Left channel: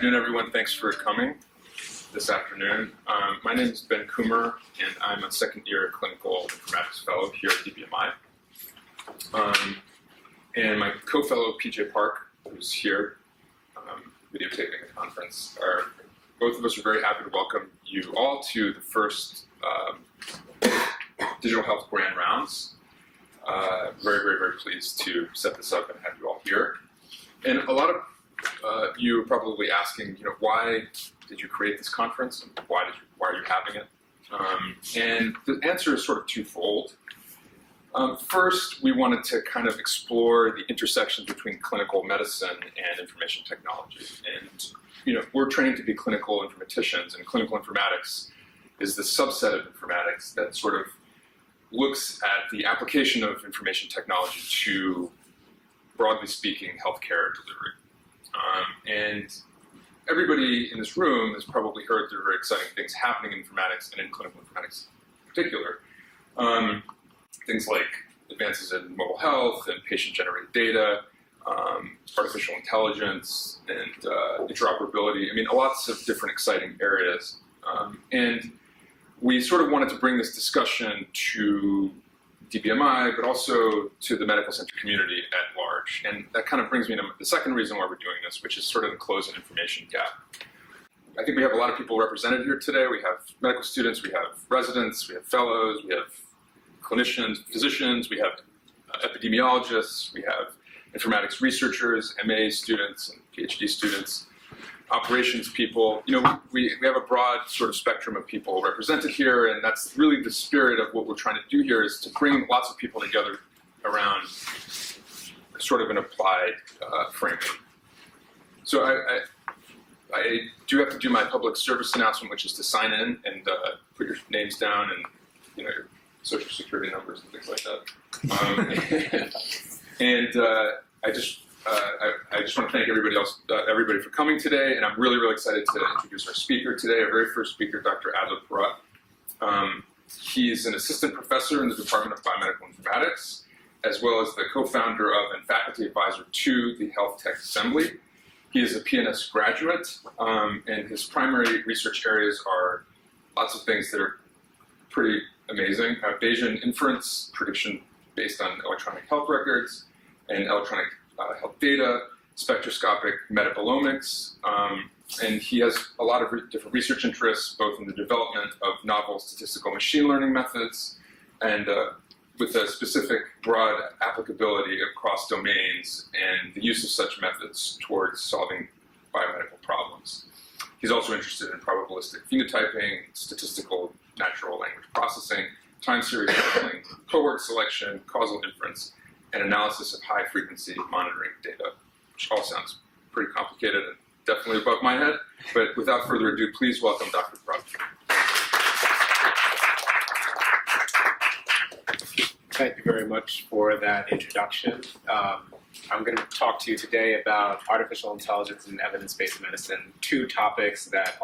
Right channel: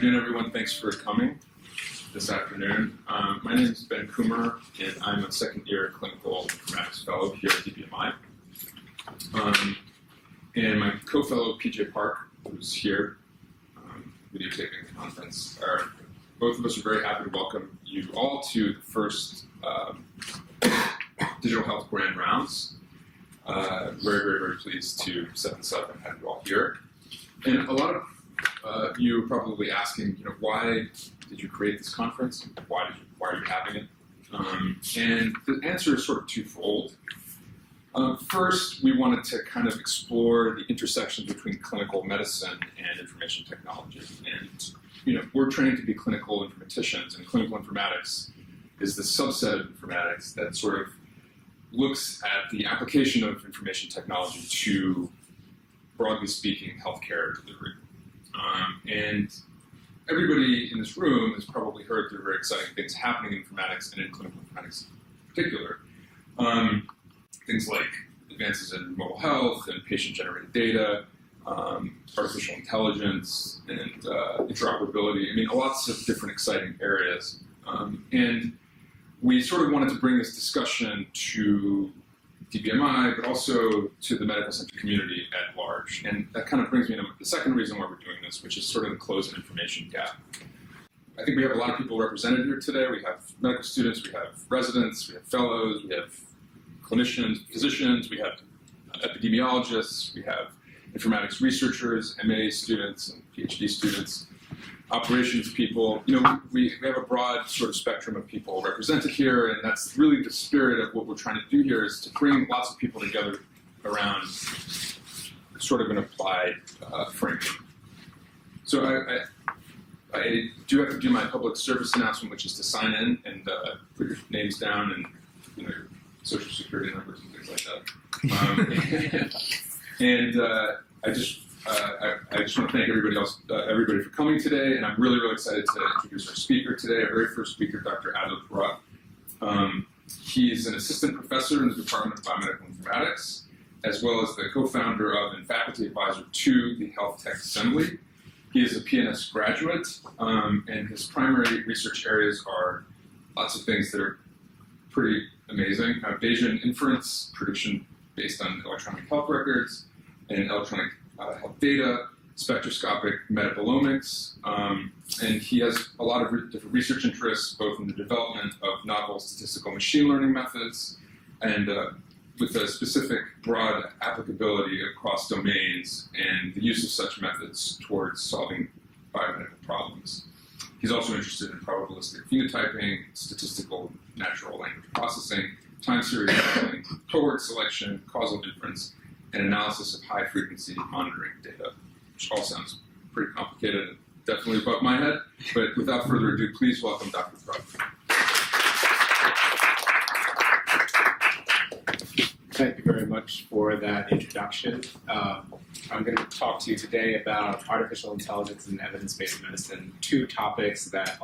afternoon, everyone. Thanks for coming this afternoon. My name is Ben Coomer, and I'm a second-year clinical informatics fellow here at DBMI. And my co-fellow, PJ Park, who's here videotaping the conference, both of us are very happy to welcome you all to the first Digital Health Grand Rounds. Very pleased to set this up and have you all here. And a lot of you are probably asking, why did you create this conference? And why are you having it? And the answer is sort of twofold. First, we wanted to kind of explore the intersections between clinical medicine and information technology. And we're training to be clinical informaticians, and clinical informatics is the subset of informatics that sort of looks at the application of information technology to, broadly speaking, healthcare delivery. And everybody in this room has probably heard there are very exciting things happening in informatics and in clinical informatics in particular. Things like advances in mobile health and patient-generated data, artificial intelligence, and interoperability. I mean, lots of different exciting areas. And we sort of wanted to bring this discussion to DBMI, but also to the medical center community at large. And that kind of brings me to the second reason why we're doing this, which is sort of to close an information gap. I think we have a lot of people represented here today. We have medical students, we have residents, we have fellows, we have clinicians, physicians, we have epidemiologists, we have informatics researchers, MA students, and PhD students, operations people. We have a broad sort of spectrum of people represented here, and that's really the spirit of what we're trying to do here, is to bring lots of people together around sort of an applied framework. So I do have to do my public service announcement, which is to sign in and put your names down and your social security numbers and things like that. I just want to thank everybody for coming today, and I'm really excited to introduce our speaker today, our very first speaker, Dr. Adler. He's an assistant professor in the Department of Biomedical Informatics, as well as the co-founder of and faculty advisor to the Health Tech Assembly. He is a PNS graduate, and his primary research areas are lots of things that are pretty amazing. Bayesian inference, prediction based on electronic health records, and electronic health data, spectroscopic metabolomics, and he has a lot of different research interests, both in the development of novel statistical machine learning methods and with a specific broad applicability across domains and the use of such methods towards solving biomedical problems. He's also interested in probabilistic phenotyping, statistical natural language processing, time series modeling, cohort selection, causal inference, and analysis of high-frequency monitoring data, which all sounds pretty complicated and definitely above my head. But without further ado, please welcome Dr. Brug. Thank you very much for that introduction. I'm going to talk to you today about artificial intelligence and evidence-based medicine, two topics that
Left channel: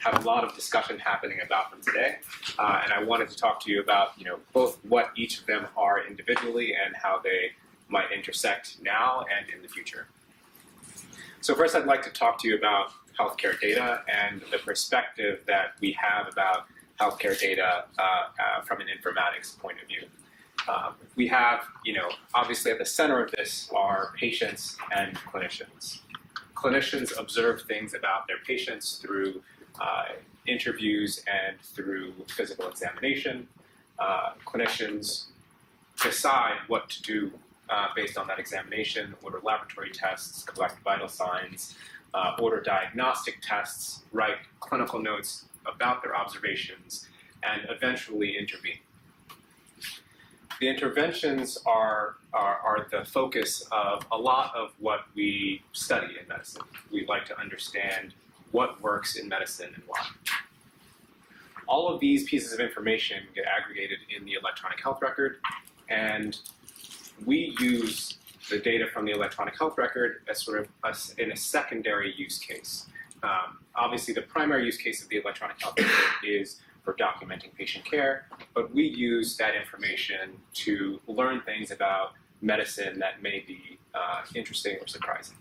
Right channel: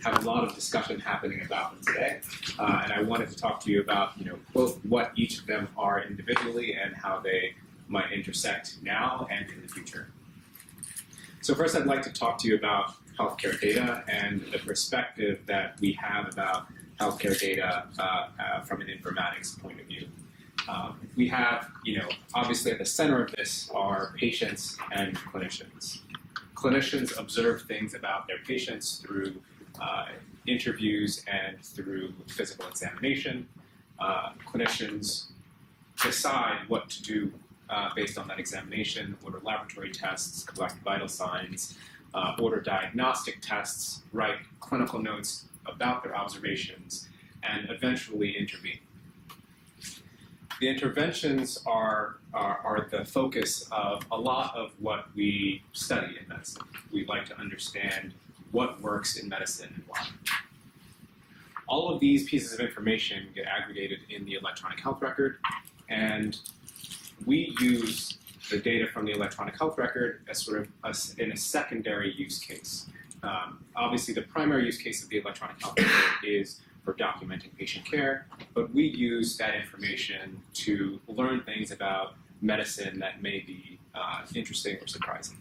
have a lot of discussion happening about them today. And I wanted to talk to you about, both what each of them are individually and how they might intersect now and in the future. So first, I'd like to talk to you about healthcare data and the perspective that we have about healthcare data from an informatics point of view. We have, obviously at the center of this are patients and clinicians. Clinicians observe things about their patients through interviews and through physical examination. Clinicians decide what to do based on that examination, order laboratory tests, collect vital signs, order diagnostic tests, write clinical notes about their observations, and eventually intervene. The interventions are the focus of a lot of what we study in medicine. We like to understand what works in medicine and why. All of these pieces of information get aggregated in the electronic health record, and we use the data from the electronic health record as sort of in a secondary use case. Obviously, the primary use case of the electronic health record is for documenting patient care, but we use that information to learn things about medicine that may be interesting or surprising.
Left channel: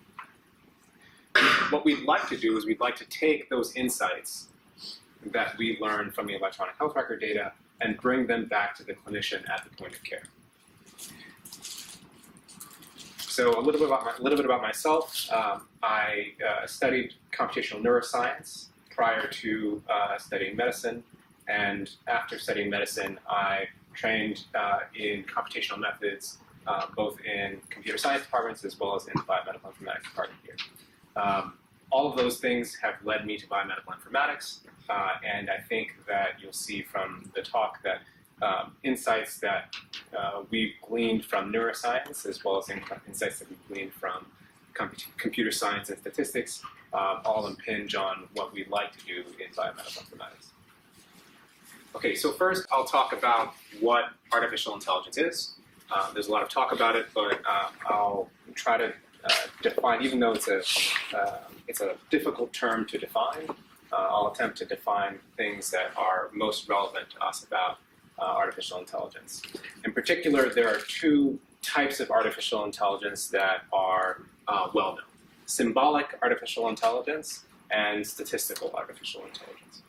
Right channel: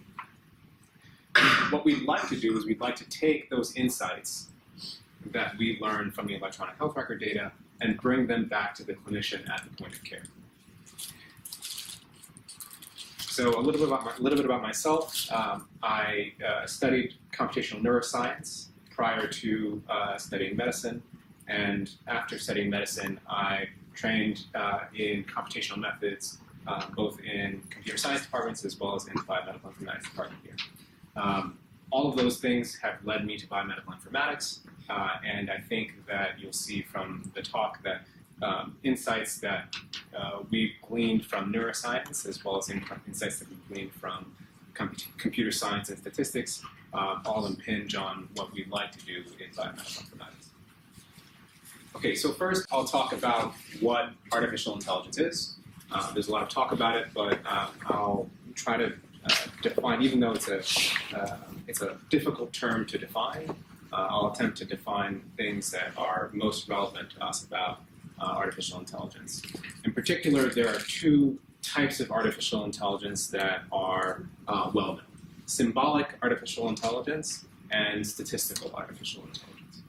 what we'd like to do is we'd like to take those insights that we learn from the electronic health record data and bring them back to the clinician at the point of care. So a little bit about myself. I studied computational neuroscience prior to studying medicine, and after studying medicine, I trained in computational methods, both in computer science departments as well as in the biomedical informatics department here. All of those things have led me to biomedical informatics, and I think that you'll see from the talk that insights that we've gleaned from neuroscience, as well as insights that we've gleaned from computer science and statistics, all impinge on what we'd like to do in biomedical informatics. Okay, so first I'll talk about what artificial intelligence is. There's a lot of talk about it, but I'll try to define, even though it's a difficult term to define, I'll attempt to define things that are most relevant to us about artificial intelligence. In particular, there are two types of artificial intelligence that are well known: symbolic artificial intelligence and statistical artificial intelligence.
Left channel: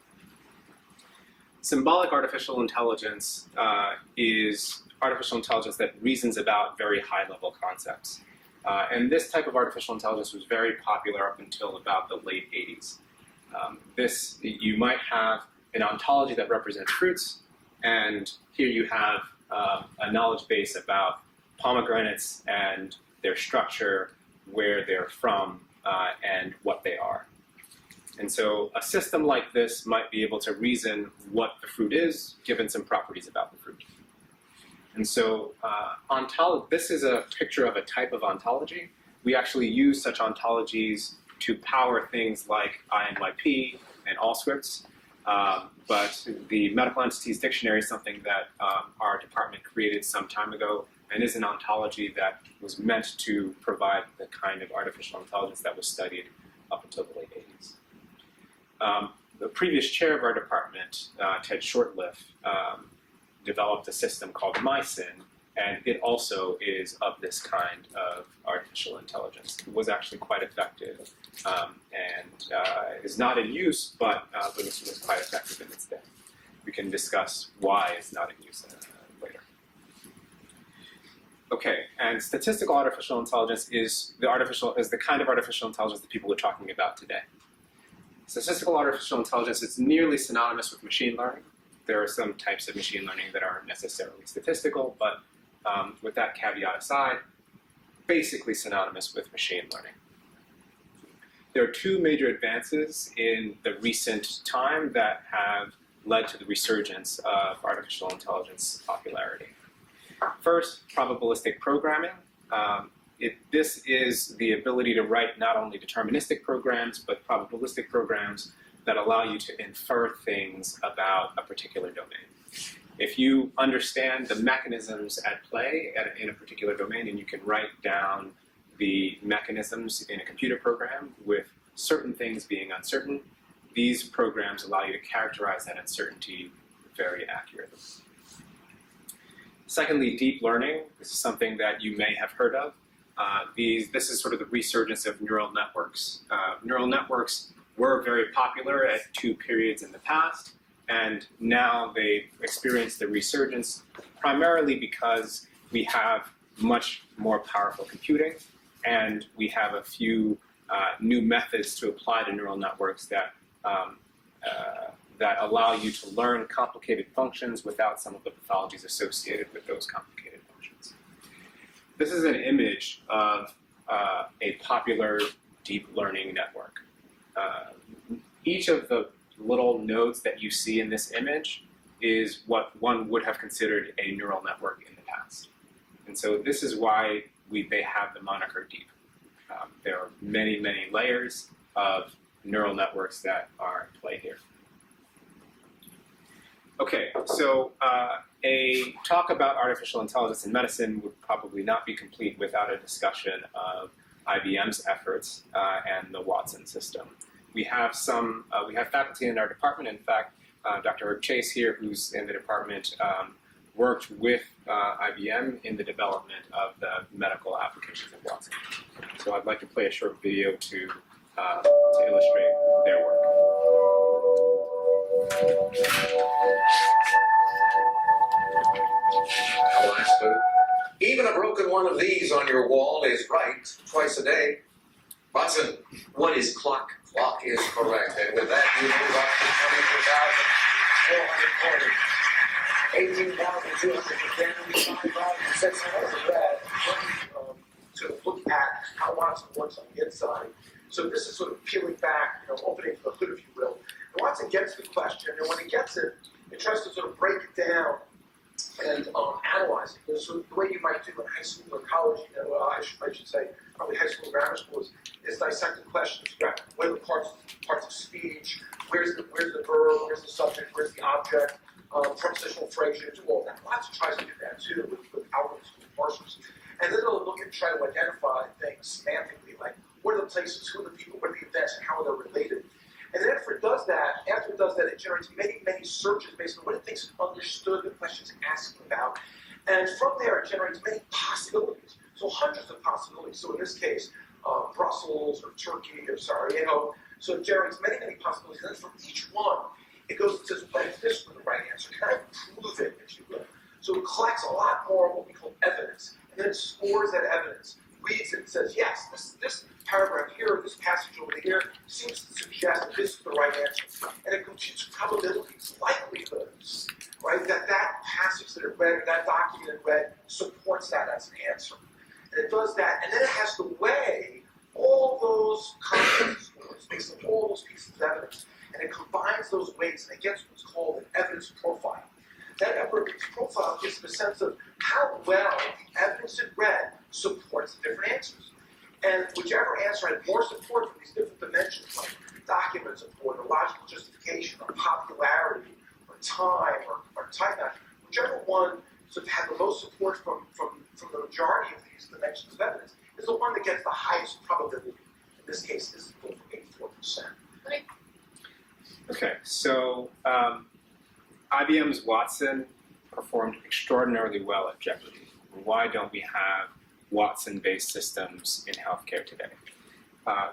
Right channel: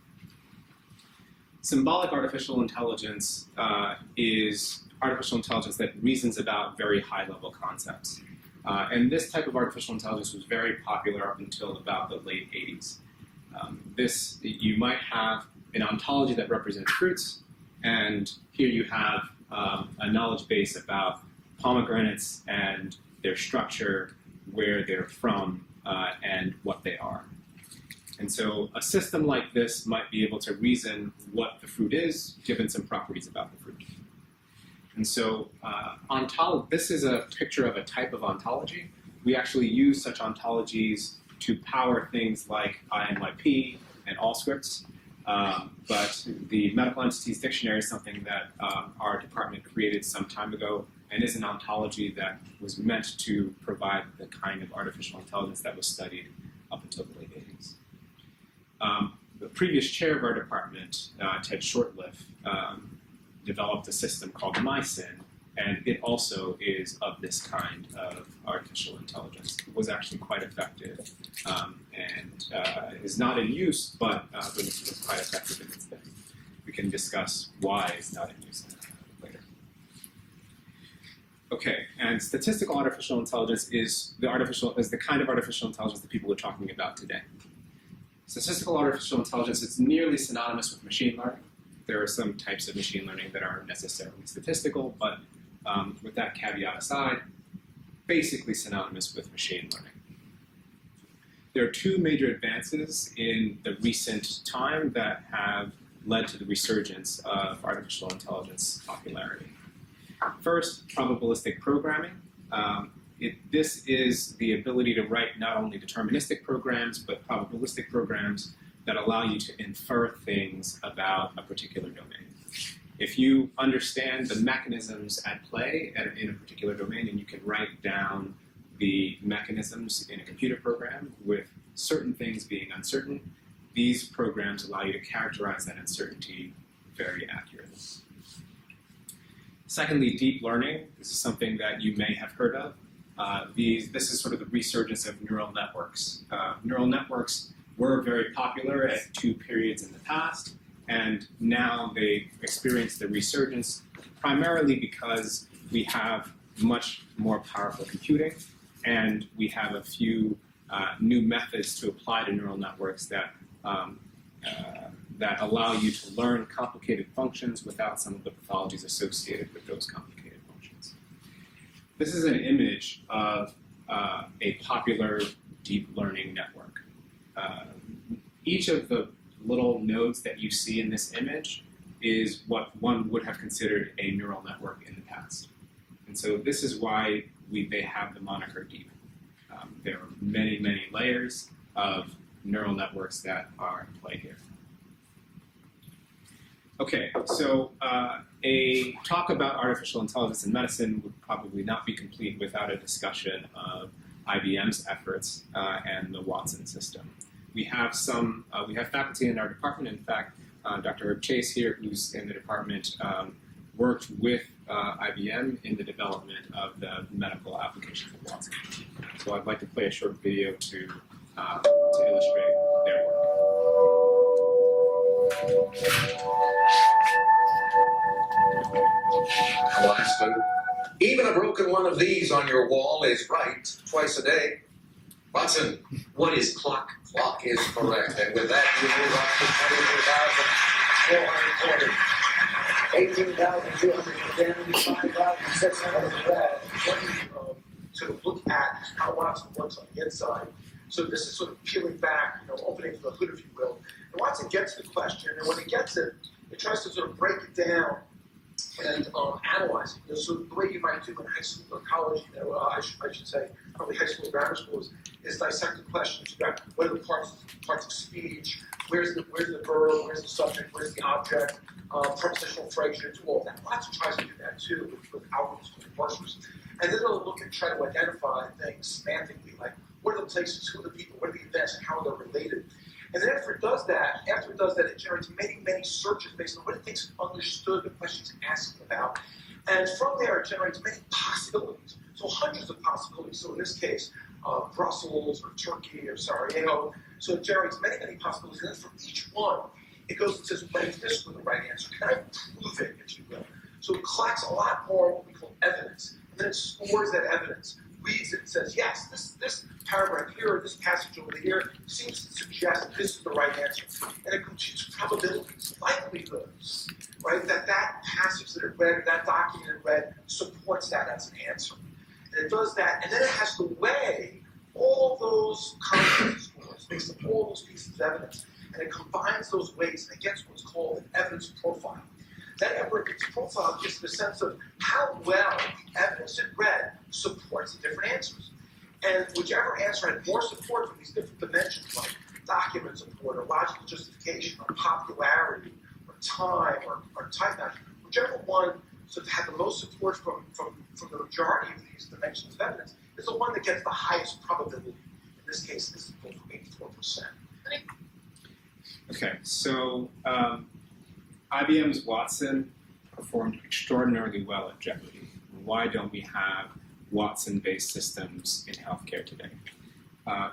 Symbolic artificial intelligence is artificial intelligence that reasons about very high-level concepts. And this type of artificial intelligence was very popular up until about the late 80s. You might have an ontology that represents fruits, and here you have a knowledge base about pomegranates and their structure, where they're from, and what they are. And so a system like this might be able to reason what the fruit is, given some properties about the fruit. And so this is a picture of a type of ontology. We actually use such ontologies to power things like INYP and Allscripts. But the Medical Entities Dictionary is something that our department created some time ago, and is an ontology that was meant to provide the kind of artificial intelligence that was studied up until the late 80s. The previous chair of our department, Ted Shortliff, developed a system called MySyn, and it also is of this kind of artificial intelligence. It was actually quite effective and is not in use, but it was quite effective in its day. We can discuss why it's not in use later. Okay, and statistical artificial intelligence is the kind of artificial intelligence that people are talking about today. Statistical artificial intelligence is nearly synonymous with machine learning. There are some types of machine learning that aren't necessarily statistical, but with that caveat aside, basically synonymous with machine learning. There are two major advances in the recent time that have led to the resurgence of artificial intelligence popularity. First, probabilistic programming. This is the ability to write not only deterministic programs, but probabilistic programs that allow you to infer things about a particular domain. If you understand the mechanisms at play in a particular domain, and you can write down the mechanisms in a computer program with certain things being uncertain, these programs allow you to characterize that uncertainty very accurately. Secondly, deep learning. This is something that you may have heard of. This is sort of the resurgence of neural networks. Neural networks were very popular at two periods in the past, and now they've experienced the resurgence primarily because we have much more powerful computing, and we have a few new methods to apply to neural networks that allow you to learn complicated functions without some of the pathologies associated with those complicated functions. This is an image of a popular deep learning network. Each of the little nodes that you see in this image is what one would have considered a neural network in the past. And so this is why they have the moniker deep. There are many, many layers of neural networks that are in play here. Okay, so a talk about artificial intelligence in medicine would probably not be complete without a discussion of IBM's efforts and the Watson system. We have faculty in our department. In fact, Dr. Herb Chase here, who's in the department, worked with IBM in the development of the medical applications of Watson. So I'd like to play a short video to to illustrate their work. Alaska. Even a broken one of these on your wall is right twice a day. Watson, what is clock? Clock is correct. And with that, you move up to 24,410, 18,210, 5,600 to look at how Watson works on the inside. So this is sort of peeling back, opening the hood, if you will. And Watson gets the question, and when it gets it, it tries to sort of break it down and analyze it. So the way you might do in high school or college, I should say, probably high school and grammar school, is dissect the question. Figure out what are the parts of speech, where's the verb, where's the subject, where's the object, prepositional phrasing, do all that. Watson tries to do that too with algorithms and parsers. And then they'll look and try to identify things semantically, like what are the places, who are the people, what are the events, and how are they related. And then after it does that, it generates many, many searches based on what it thinks it understood the question's asking about. And from there, it generates many possibilities. So hundreds of possibilities. So in this case, Brussels or Turkey or Sarajevo. So it generates many, many possibilities. And then for each one, it goes and says, what if this were the right answer? Can I prove it, if you will? So it collects a lot more what we call evidence. And then it scores that evidence, reads it, and says, yes, this paragraph here, this passage over here, seems to suggest that this is the right answer. And it computes probabilities, likelihoods, right? That passage that it read, or that document it read, supports that as an answer. And it does that, and then it has to weigh all those confidence scores based on all those pieces of evidence. And it combines those weights, and it gets what's called an evidence profile. That evidence profile gives them a sense of how well the evidence it read supports the different answers. And whichever answer had more support from these different dimensions, like document support, or logical justification, or popularity, or time, or type match, whichever one sort of had the most support from the majority of these dimensions of evidence is the one that gets the highest probability. In this case, this is for 84%. Okay, so IBM's Watson performed extraordinarily well at Jeopardy. Why don't we have Watson-based systems in healthcare today?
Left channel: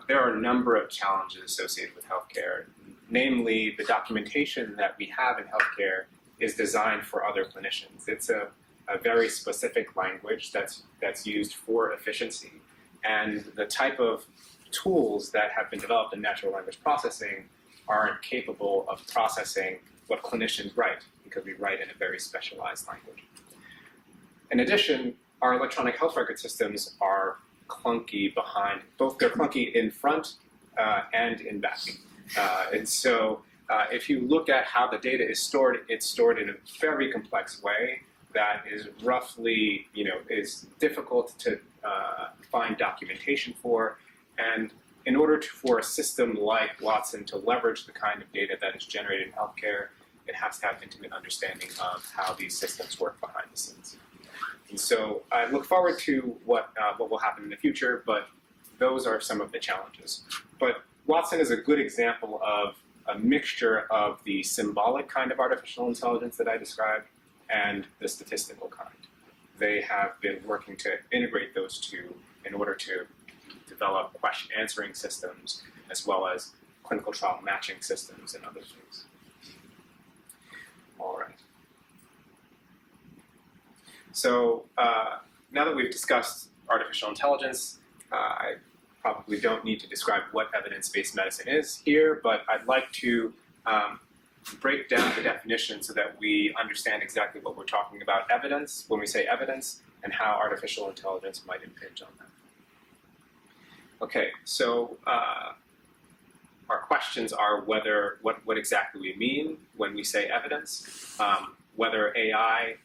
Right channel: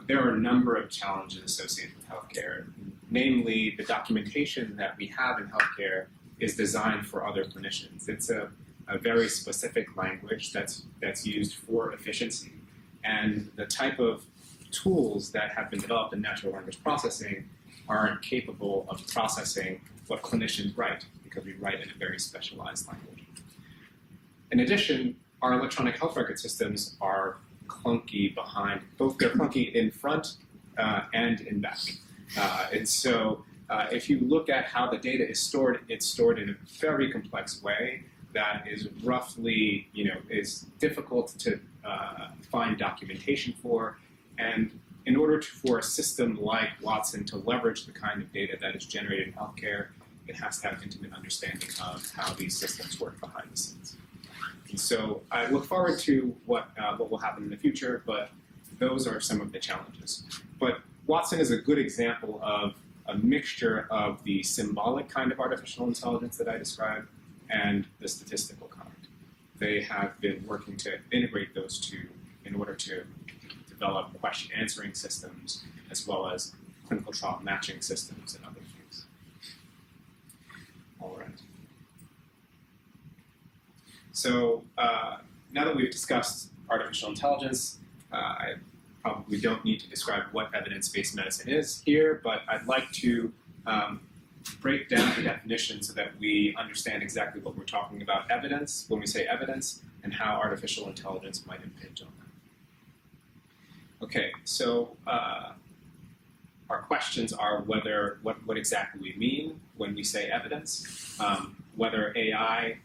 There are a number of challenges associated with healthcare. Namely, the documentation that we have in healthcare is designed for other clinicians. It's a very specific language that's used for efficiency. And the type of tools that have been developed in natural language processing aren't capable of processing what clinicians write, because we write in a very specialized language. In addition, our electronic health record systems are clunky behind, both they're clunky in front and in back. And so if you look at how the data is stored, it's stored in a very complex way that is roughly, is difficult to find documentation for. And in order for a system like Watson to leverage the kind of data that is generated in healthcare, it has to have intimate understanding of how these systems work behind the scenes. And so I look forward to what will happen in the future, but those are some of the challenges. But Watson is a good example of a mixture of the symbolic kind of artificial intelligence that I described and the statistical kind. They have been working to integrate those two in order to develop question answering systems as well as clinical trial matching systems and other things. All right. So now that we've discussed artificial intelligence, I probably don't need to describe what evidence-based medicine is here, but I'd like to break down the definition so that we understand exactly what we're talking about evidence, when we say evidence, and how artificial intelligence might impinge on that. Okay, so our questions are what exactly we mean when we say evidence, whether AI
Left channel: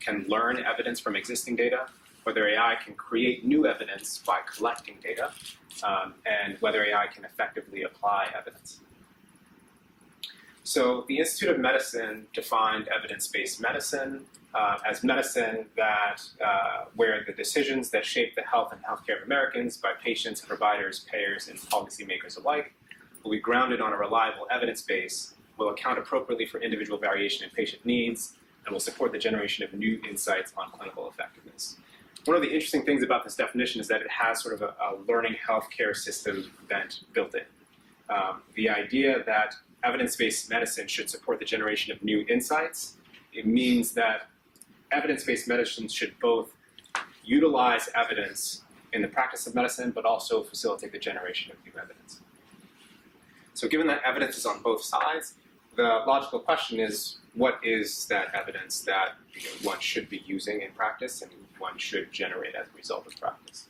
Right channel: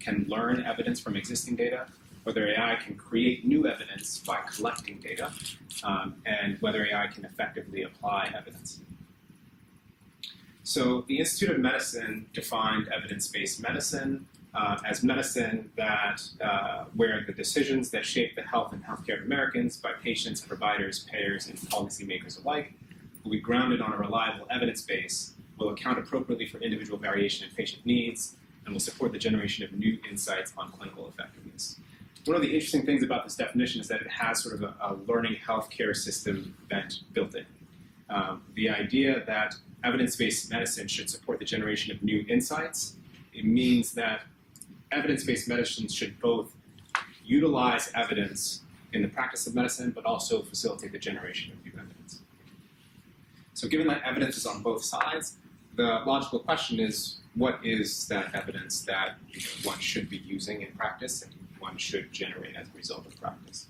can learn evidence from existing data, whether AI can create new evidence by collecting data, and whether AI can effectively apply evidence. So the Institute of Medicine defined evidence-based medicine as medicine that where the decisions that shape the health and healthcare of Americans by patients, providers, payers, and policymakers alike will be grounded on a reliable evidence base, will account appropriately for individual variation in patient needs, and will support the generation of new insights on clinical effectiveness. one of the interesting things about this definition is that it has sort of a learning healthcare system bent built in. The idea that evidence-based medicine should support the generation of new insights, it means that evidence-based medicine should both utilize evidence in the practice of medicine, but also facilitate the generation of new evidence. So given that evidence is on both sides, the logical question is, what is that evidence that one should be using in practice and one should generate as a result of practice?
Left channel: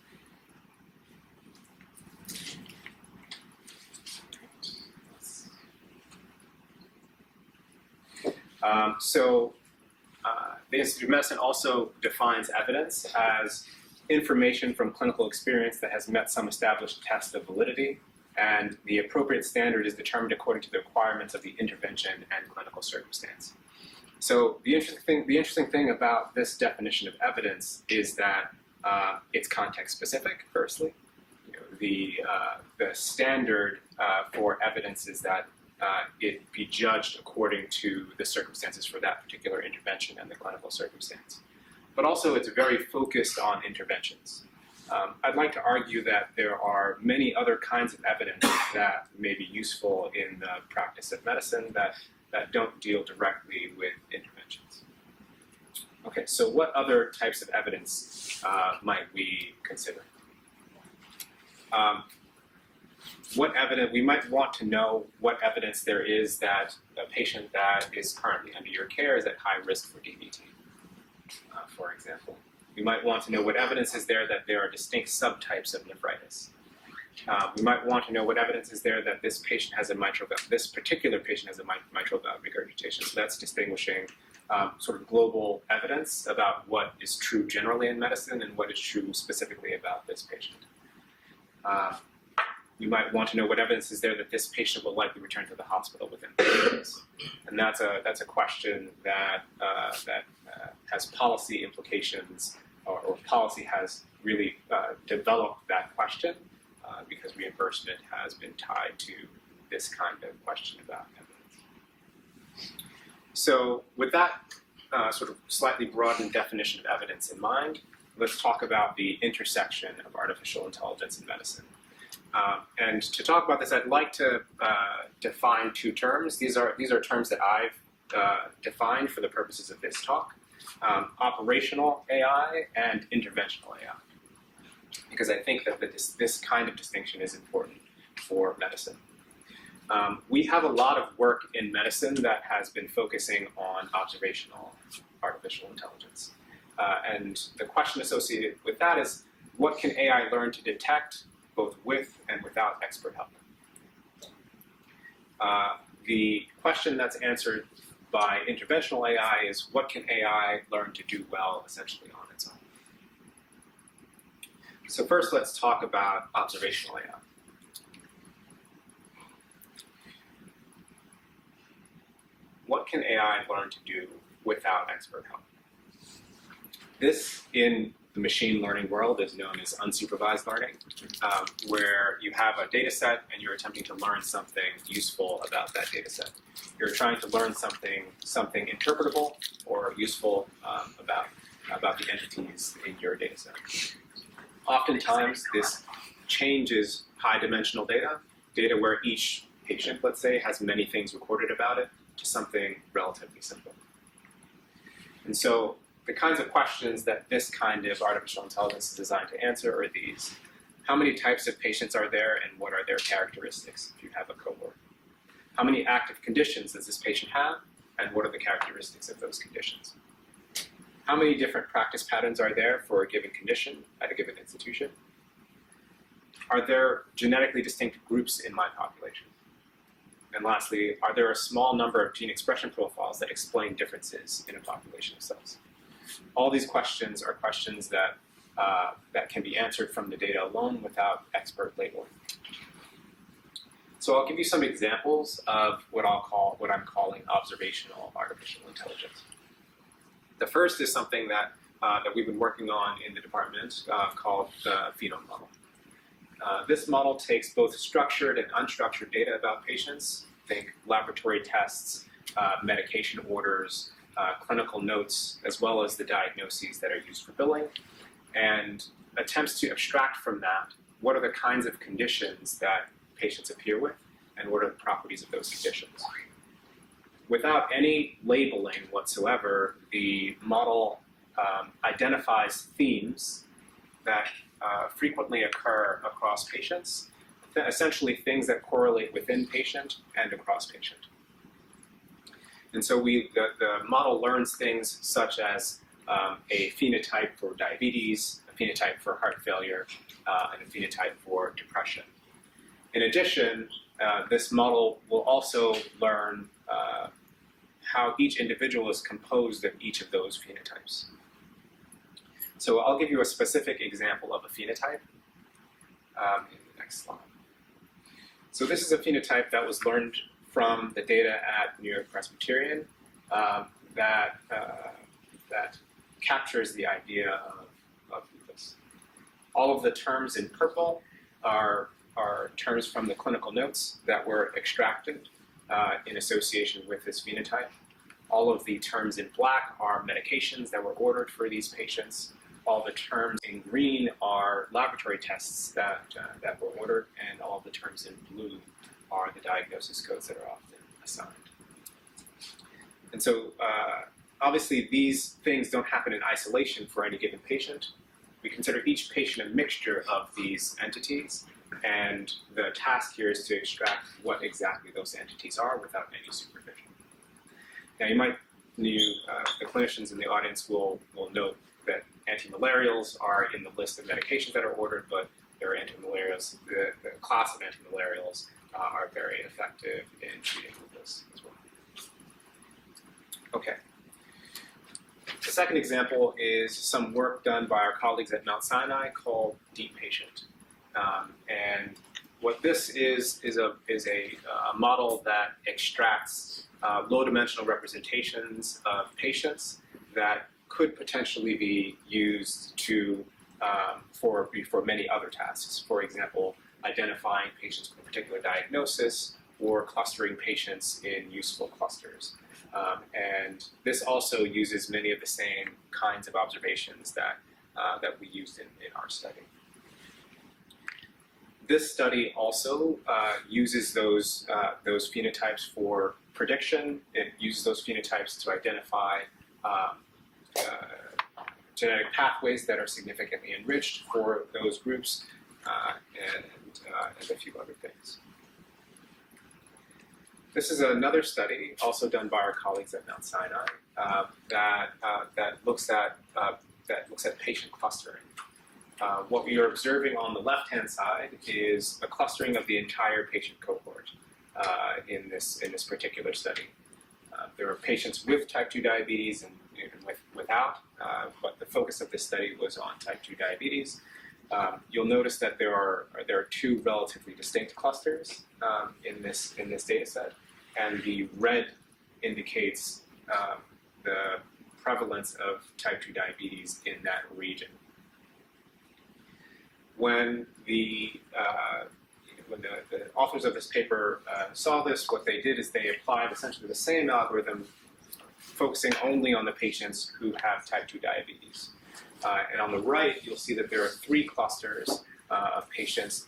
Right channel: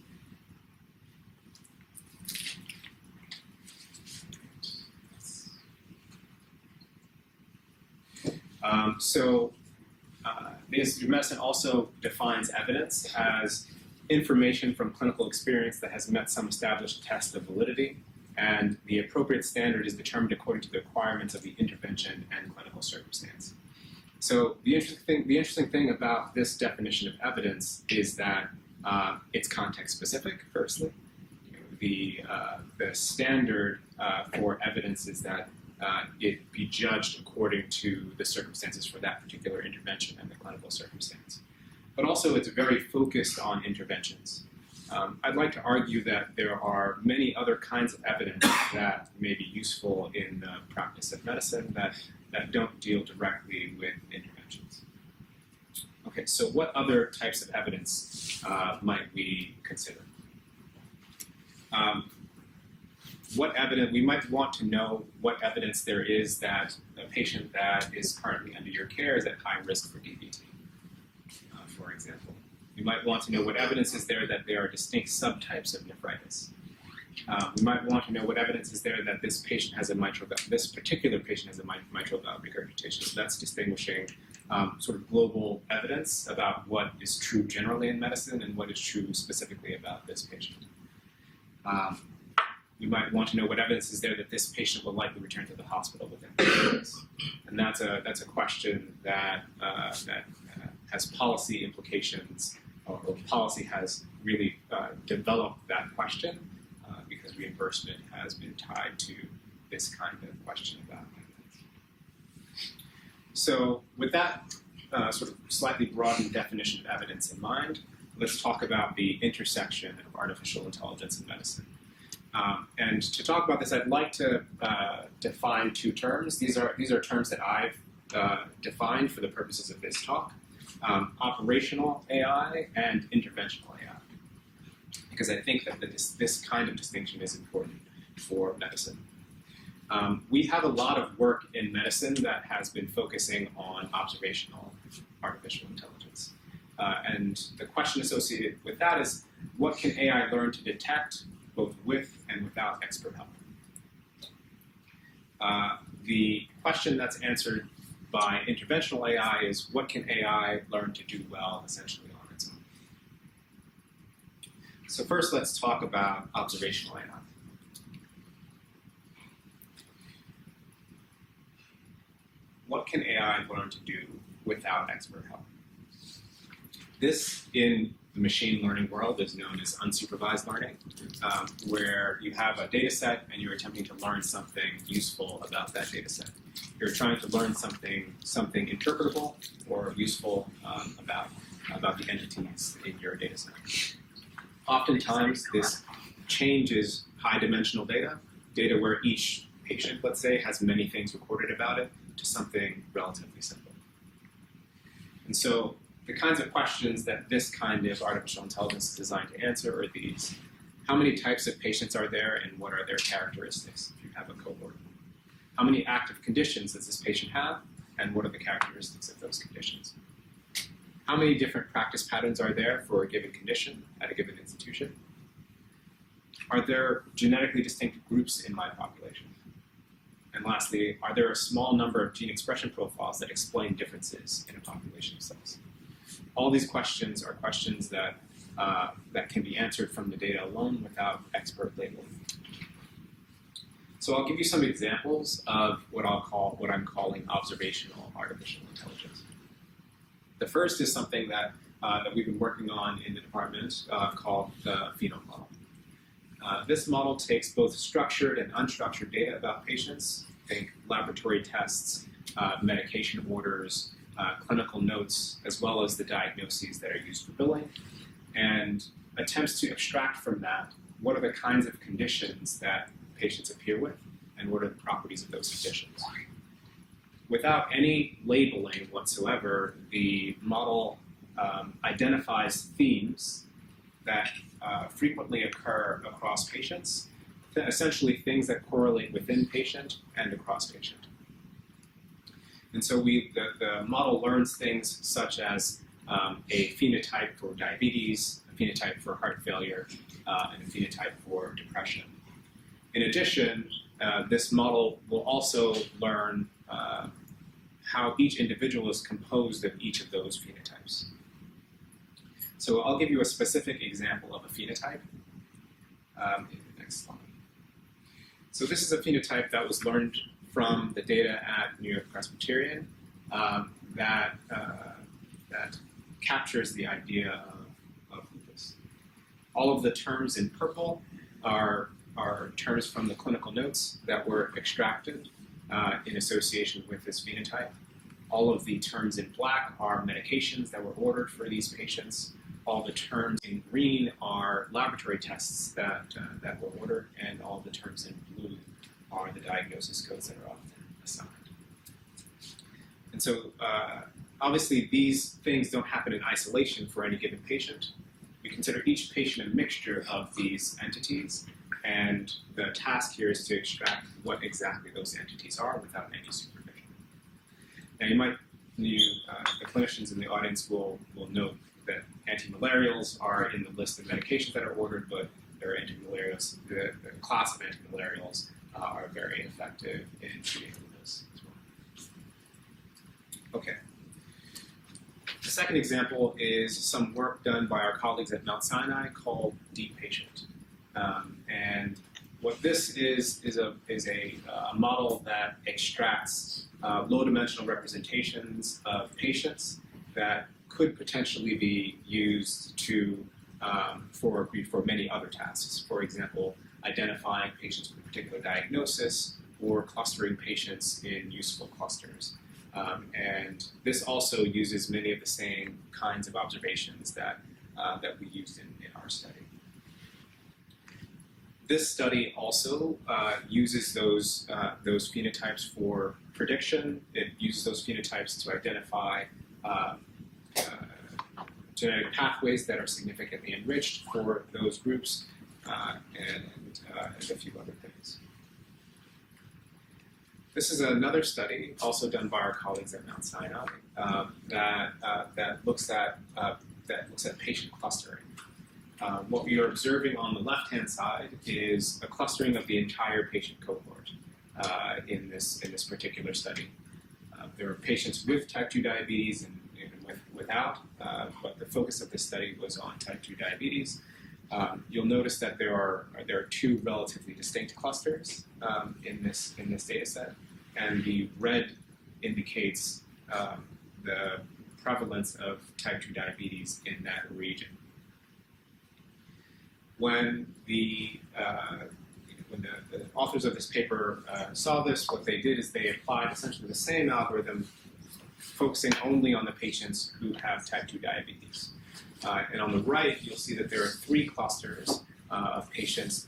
The Institute of Medicine also defines evidence as information from clinical experience that has met some established test of validity, and the appropriate standard is determined according to the requirements of the intervention and clinical circumstance. So the interesting thing about this definition of evidence is that it's context specific. Firstly, the standard for evidence is that it be judged according to the circumstances for that particular intervention and the clinical circumstance. But also, it's very focused on interventions. I'd like to argue that there are many other kinds of evidence that may be useful in the practice of medicine that don't deal directly with interventions. Okay, so what other types of evidence might we consider? We might want to know what evidence there is that a patient that is currently under your care is at high risk for DVT, for example. We might want to know what evidence is there that there are distinct subtypes of nephritis. We might want to know what evidence is there that this particular patient has a mitral valve regurgitation. So that's distinguishing sort of global evidence about what is true generally in medicine and what is true specifically about this patient. You might want to know what evidence is there that this patient will likely return to the hospital within 30 days. And that's a question that has policy implications, or policy has really developed that question because reimbursement has been tied to this kind of question about evidence. So with that sort of slightly broadened definition of evidence in mind, let's talk about the intersection of artificial intelligence and medicine. And to talk about this, I'd like to define two terms. These are terms that I've defined for the purposes of this talk: operational AI and interventional AI, because I think that this kind of distinction is important for medicine. We have a lot of work in medicine that has been focusing on observational artificial intelligence. And the question associated with that is, what can AI learn to detect both with and without expert help? The question that's answered by interventional AI is, what can AI learn to do well essentially on its own? So first, let's talk about observational AI. What can AI learn to do without expert help? This, in the machine learning world, is known as unsupervised learning, where you have a data set and you're attempting to learn something useful about that data set. You're trying to learn something interpretable or useful about the entities in your data set. Oftentimes, this changes high-dimensional data where each patient, let's say, has many things recorded about it, to something relatively simple. And so the kinds of questions that this kind of artificial intelligence is designed to answer are these: how many types of patients are there and what are their characteristics if you have a cohort? How many active conditions does this patient have and what are the characteristics of those conditions? How many different practice patterns are there for a given condition at a given institution? Are there genetically distinct groups in my population? And lastly, are there a small number of gene expression profiles that explain differences in a population of cells? All these questions are questions that can be answered from the data alone without expert labeling. So I'll give you some examples of what I'm calling observational artificial intelligence. The first is something that we've been working on in the department called the phenome model. This model takes both structured and unstructured data about patients, think laboratory tests, medication orders, clinical notes, as well as the diagnoses that are used for billing, and attempts to abstract from that what are the kinds of conditions that patients appear with and what are the properties of those conditions. Without any labeling whatsoever, the model identifies themes that frequently occur across patients, essentially things that correlate within patient and across patient. And so the model learns things such as a phenotype for diabetes, a phenotype for heart failure, and a phenotype for depression. In addition, this model will also learn how each individual is composed of each of those phenotypes. So I'll give you a specific example of a phenotype in the next slide. So this is a phenotype that was learned from the data at New York Presbyterian that captures the idea of lupus. All of the terms in purple are terms from the clinical notes that were extracted in association with this phenotype. All of the terms in black are medications that were ordered for these patients. All the terms in green are laboratory tests that were ordered, and all the terms in blue are the diagnosis codes that are often assigned. And so obviously these things don't happen in isolation for any given patient. We consider each patient a mixture of these entities, and the task here is to extract what exactly those entities are without any supervision. Now the clinicians in the audience will note that antimalarials are in the list of medications that are ordered, but there are antimalarials, the class of antimalarials are very effective in treating lupus as well. Okay. The second example is some work done by our colleagues at Mount Sinai called Deep Patient. And what this is a model that extracts low-dimensional representations of patients that could potentially be used for many other tasks. For example, identifying patients with a particular diagnosis or clustering patients in useful clusters. And this also uses many of the same kinds of observations that we used in our study. This study also uses those phenotypes for prediction. It uses those phenotypes to identify genetic pathways that are significantly enriched for those groups, and a few other things. This is another study, also done by our colleagues at Mount Sinai, that looks at patient clustering. What we are observing on the left-hand side is a clustering of the entire patient cohort in this particular study. There are patients with type 2 diabetes and without, but the focus of this study was on type 2 diabetes. You'll notice that there are two relatively distinct clusters in this data set, and the red indicates the prevalence of type 2 diabetes in that region. When the authors of this paper saw this, what they did is they applied essentially the same algorithm, focusing only on the patients who have type 2 diabetes. And on the right, you'll see that there are three clusters of patients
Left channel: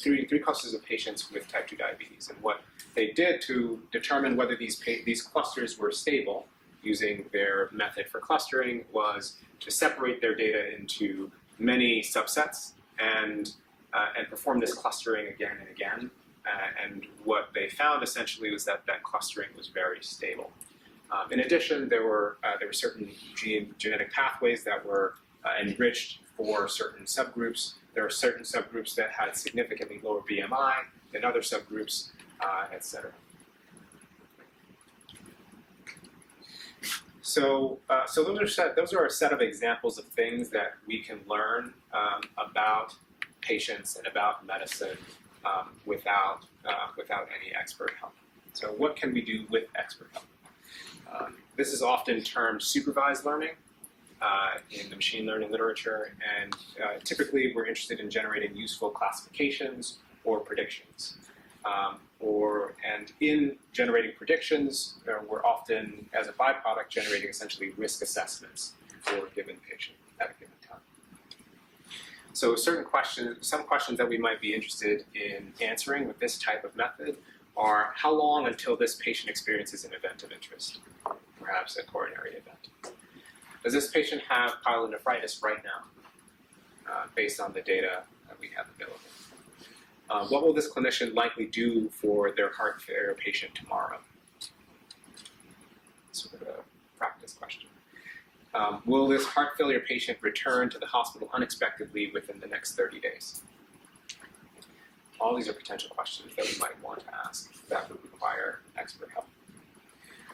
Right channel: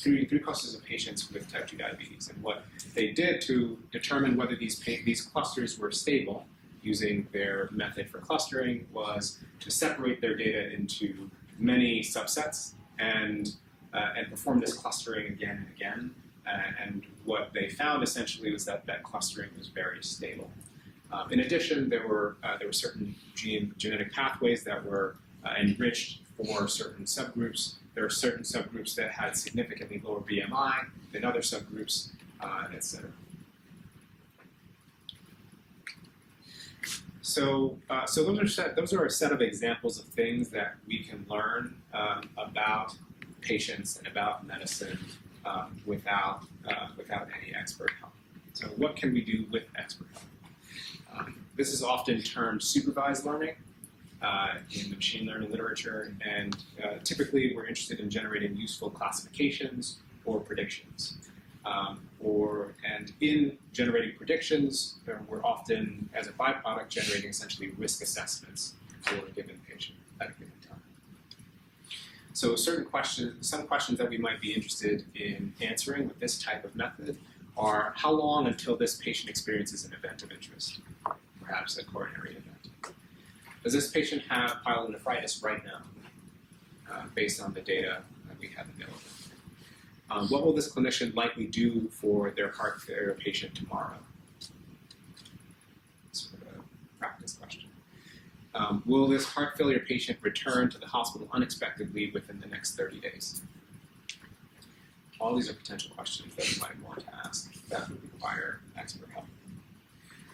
three clusters of patients with type 2 diabetes. And what they did to determine whether these clusters were stable using their method for clustering was to separate their data into many subsets and perform this clustering again and again. And what they found essentially was that clustering was very stable. In addition, there were certain genetic pathways that were enriched for certain subgroups. There are certain subgroups that had significantly lower BMI than other subgroups, et cetera. So those are a set of examples of things that we can learn about patients and about medicine without any expert help. So what can we do with expert help? This is often termed supervised learning in the machine learning literature, and typically we're interested in generating useful classifications or predictions. And in generating predictions, we're often, as a byproduct, generating essentially risk assessments for a given patient at a given time. So some questions that we might be interested in answering with this type of method are: how long until this patient experiences an event of interest, perhaps a coronary event? Does this patient have pyelonephritis right now, based on the data that we have available? What will this clinician likely do for their heart failure patient tomorrow? Sort of a practice question. Will this heart failure patient return to the hospital unexpectedly within the next 30 days? All these are potential questions that we might want to ask that would require expert help.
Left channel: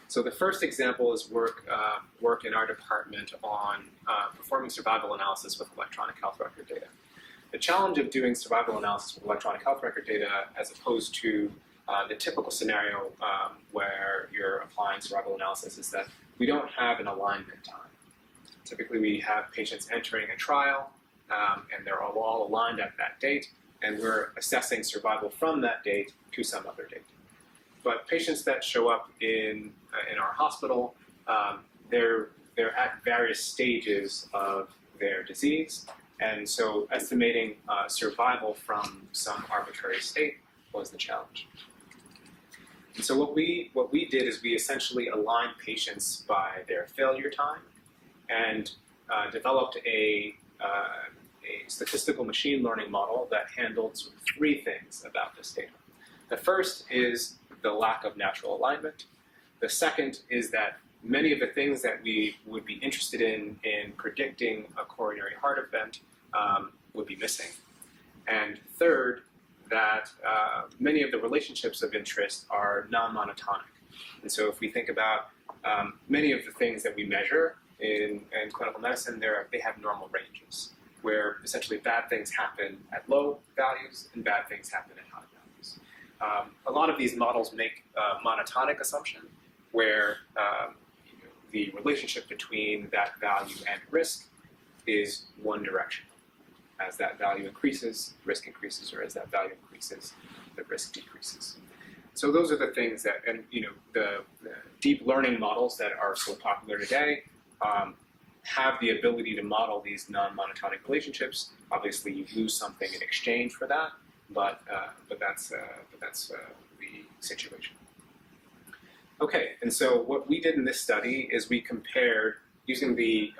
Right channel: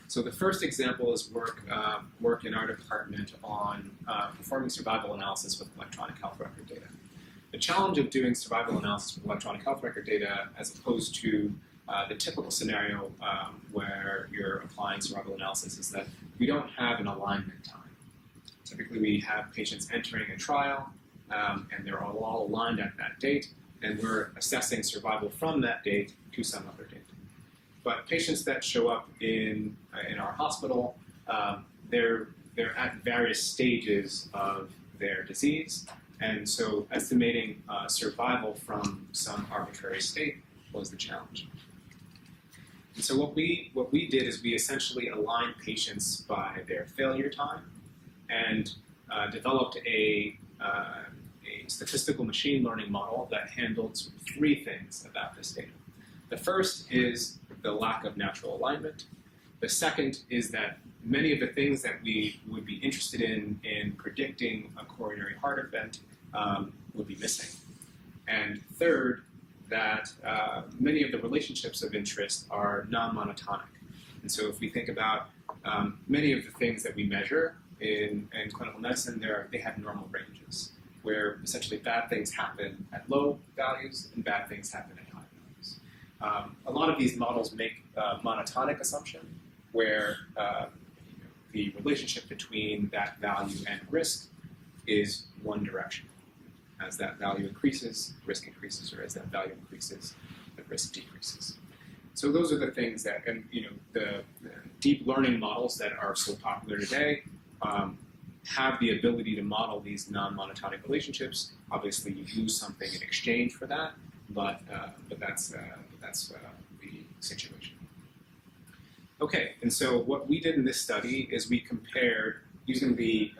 So the first example is work in our department on performing survival analysis with electronic health record data. The challenge of doing survival analysis with electronic health record data, as opposed to the typical scenario where you're applying survival analysis, is that we don't have an alignment time. Typically, we have patients entering a trial, and they're all aligned at that date, and we're assessing survival from that date to some other date. But patients that show up in our hospital, they're at various stages of their disease, and so estimating survival from some arbitrary state was the challenge. And so what we did is we essentially aligned patients by their failure time, and developed a statistical machine learning model that handled sort of three things about this data. The first is the lack of natural alignment. The second is that many of the things that we would be interested in predicting a coronary heart event would be missing. And third, that many of the relationships of interest are non-monotonic. And so if we think about many of the things that we measure in clinical medicine, they have normal ranges, where essentially bad things happen at low values and bad things happen at high values. A lot of these models make a monotonic assumption where the relationship between that value and risk is one directional. As that value increases, risk increases, or as that value increases, the risk decreases. So those are the things that, and the deep learning models that are so popular today have the ability to model these non-monotonic relationships. Obviously, you lose something in exchange for that, but that's the situation. Okay, and so what we did in this study is we compared using the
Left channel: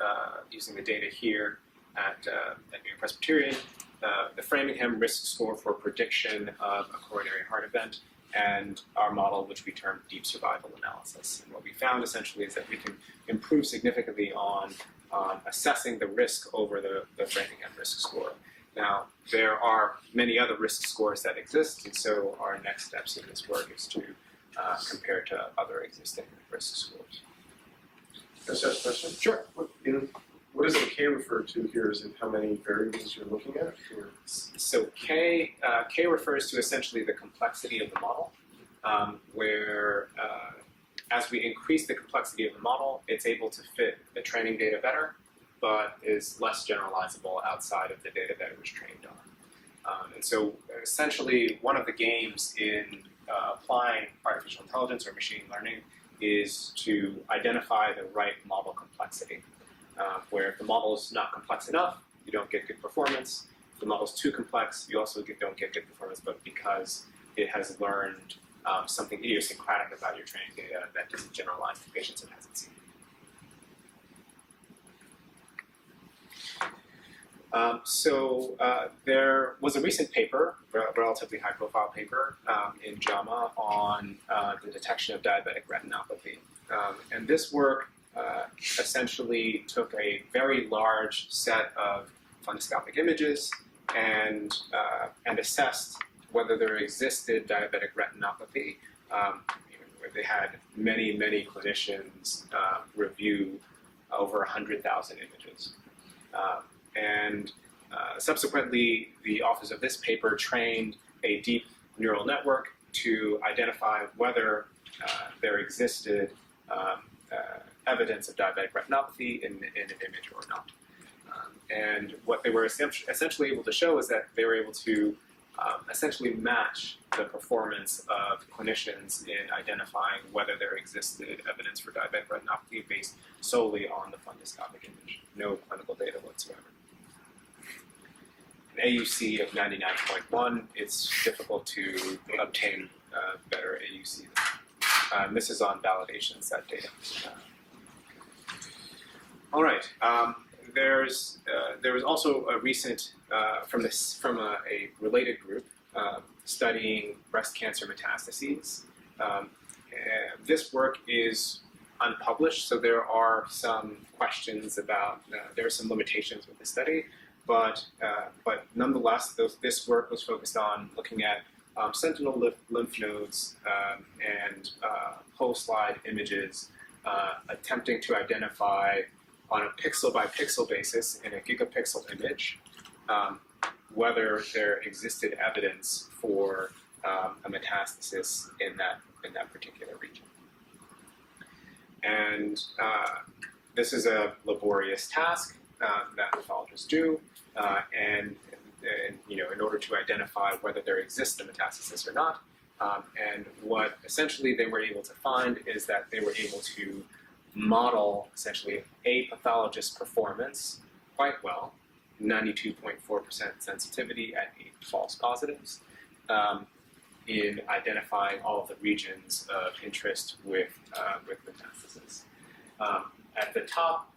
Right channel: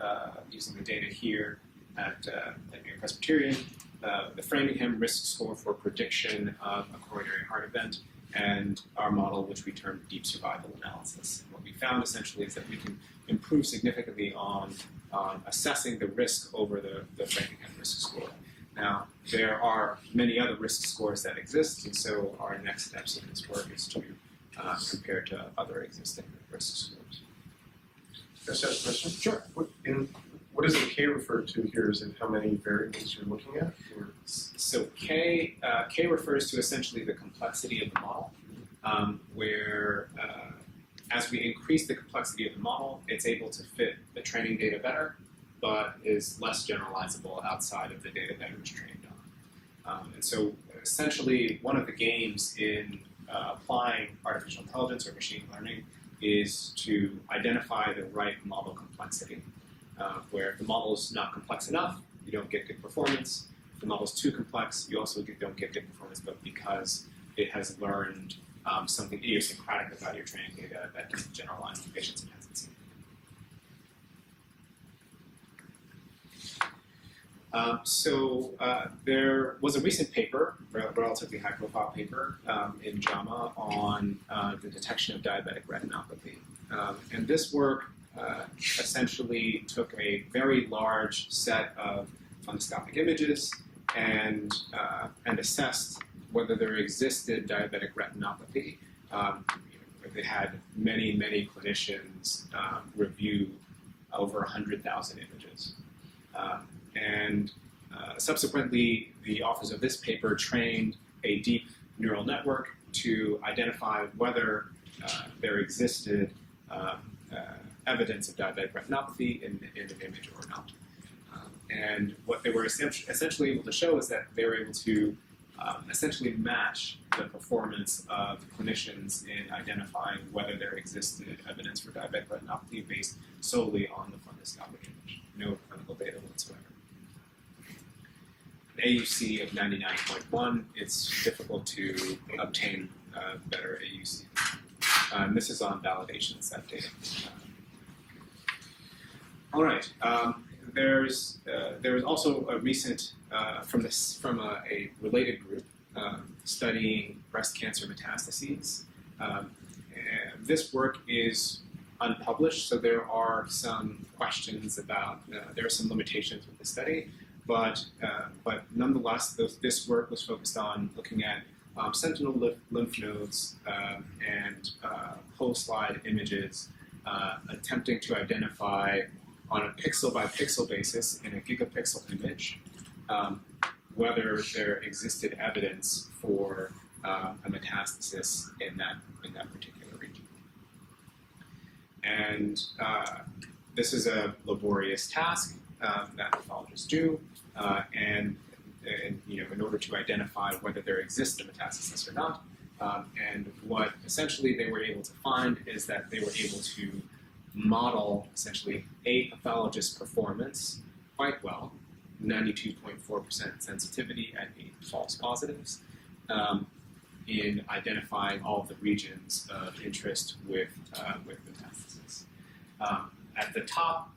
data here at New Presbyterian, the Framingham risk score for prediction of a coronary heart event, and our model, which we termed deep survival analysis. And what we found essentially is that we can improve significantly on assessing the risk over the Framingham risk score. Now, there are many other risk scores that exist, and so our next steps in this work is to compare to other existing risk scores. Can I ask a question? Sure. What does the K refer to here? Is it how many variables you're looking at? Or? So K refers to essentially the complexity of the model, where as we increase the complexity of the model, it's able to fit the training data better, but is less generalizable outside of the data that it was trained on. And so essentially one of the games in applying artificial intelligence or machine learning is to identify the right model complexity. Where if the model is not complex enough, you don't get good performance. If the model is too complex, you also don't get good performance, but because it has learned something idiosyncratic about your training data that doesn't generalize to patients it hasn't seen. There was a recent paper, relatively high-profile paper in JAMA on the detection of diabetic retinopathy. And this work essentially took a very large set of fundoscopic images and assessed whether there existed diabetic retinopathy. Where they had many clinicians review over 100,000 images. Subsequently, the authors of this paper trained a deep neural network to identify whether there existed evidence of diabetic retinopathy in an image or not. And what they were essentially able to show is that they were able to essentially match the performance of clinicians in identifying whether there existed evidence for diabetic retinopathy based solely on the fundoscopic image, no clinical data whatsoever. An AUC of 99.1, it's difficult to obtain better AUC than that. This is on validation set data. All right. There was also a recent from a related group studying breast cancer metastases. This work is unpublished, so there are some questions about there are some limitations with the study, but nonetheless, this work was focused on looking at sentinel lymph nodes and whole slide images, attempting to identify on a pixel-by-pixel basis in a gigapixel image whether there existed evidence for a metastasis in that particular region. And this is a laborious task that pathologists do, and in order to identify whether there exists a metastasis or not. And what essentially they were able to find is that they were able to model essentially a pathologist's performance quite well, 92.4% sensitivity at 8 false positives, in identifying all of the regions of interest with metastasis. At the top,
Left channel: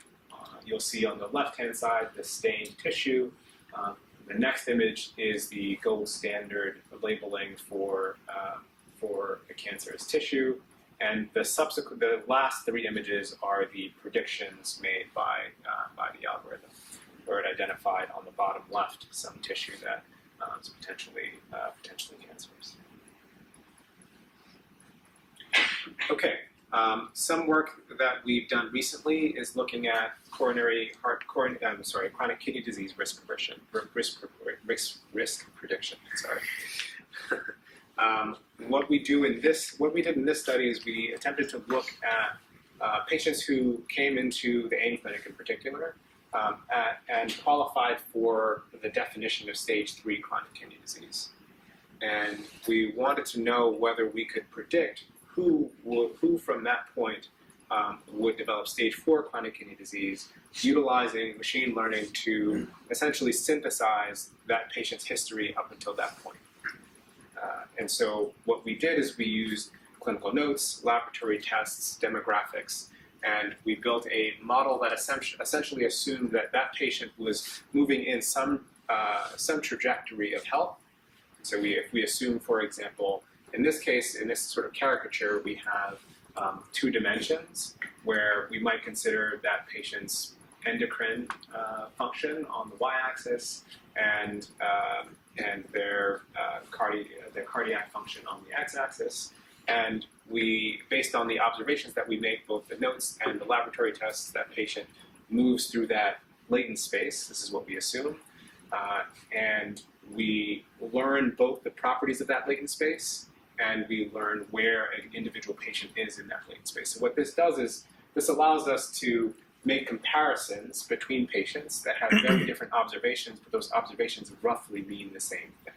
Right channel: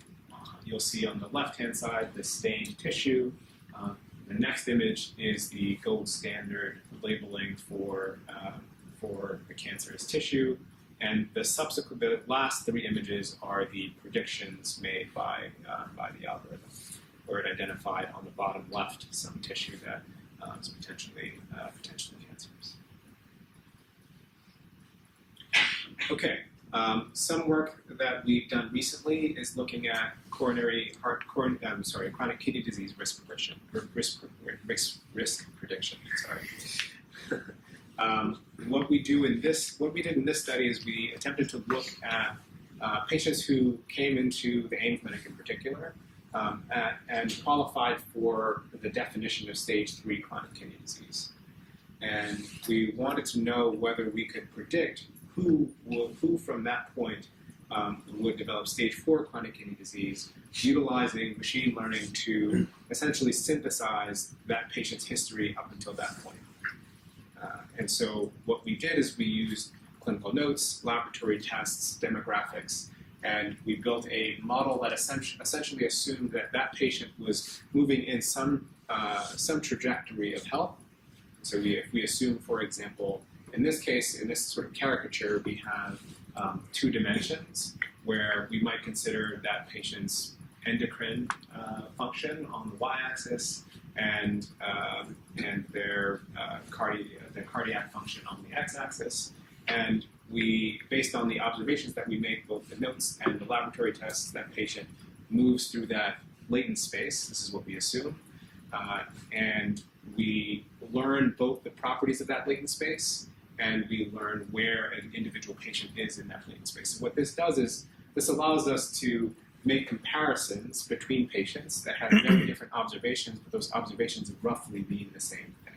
you'll see on the left-hand side the stained tissue. The next image is the gold standard labeling for a cancerous tissue, and the last 3 images are the predictions made by the algorithm, where it identified on the bottom left some tissue that is potentially cancerous. Okay, some work that we've done recently is looking at chronic kidney disease risk prediction. Sorry. What we did in this study is we attempted to look at patients who came into the AIM clinic in particular and qualified for the definition of stage 3 chronic kidney disease. And we wanted to know whether we could predict who from that point would develop stage 4 chronic kidney disease, utilizing machine learning to essentially synthesize that patient's history up until that point. And so what we did is we used clinical notes, laboratory tests, demographics, and we built a model that essentially assumed that that patient was moving in some trajectory of health. So if we assume, for example, in this case, in this sort of caricature, we have 2 dimensions where we might consider that patient's endocrine function on the y-axis and their cardiac function on the x-axis. And we, based on the observations that we make, both the notes and the laboratory tests, that patient moves through that latent space. This is what we assume. And we learn both the properties of that latent space, and we learn where an individual patient is in that latent space. So what this does is this allows us to make comparisons between patients that have very different observations, but those observations roughly mean the same thing.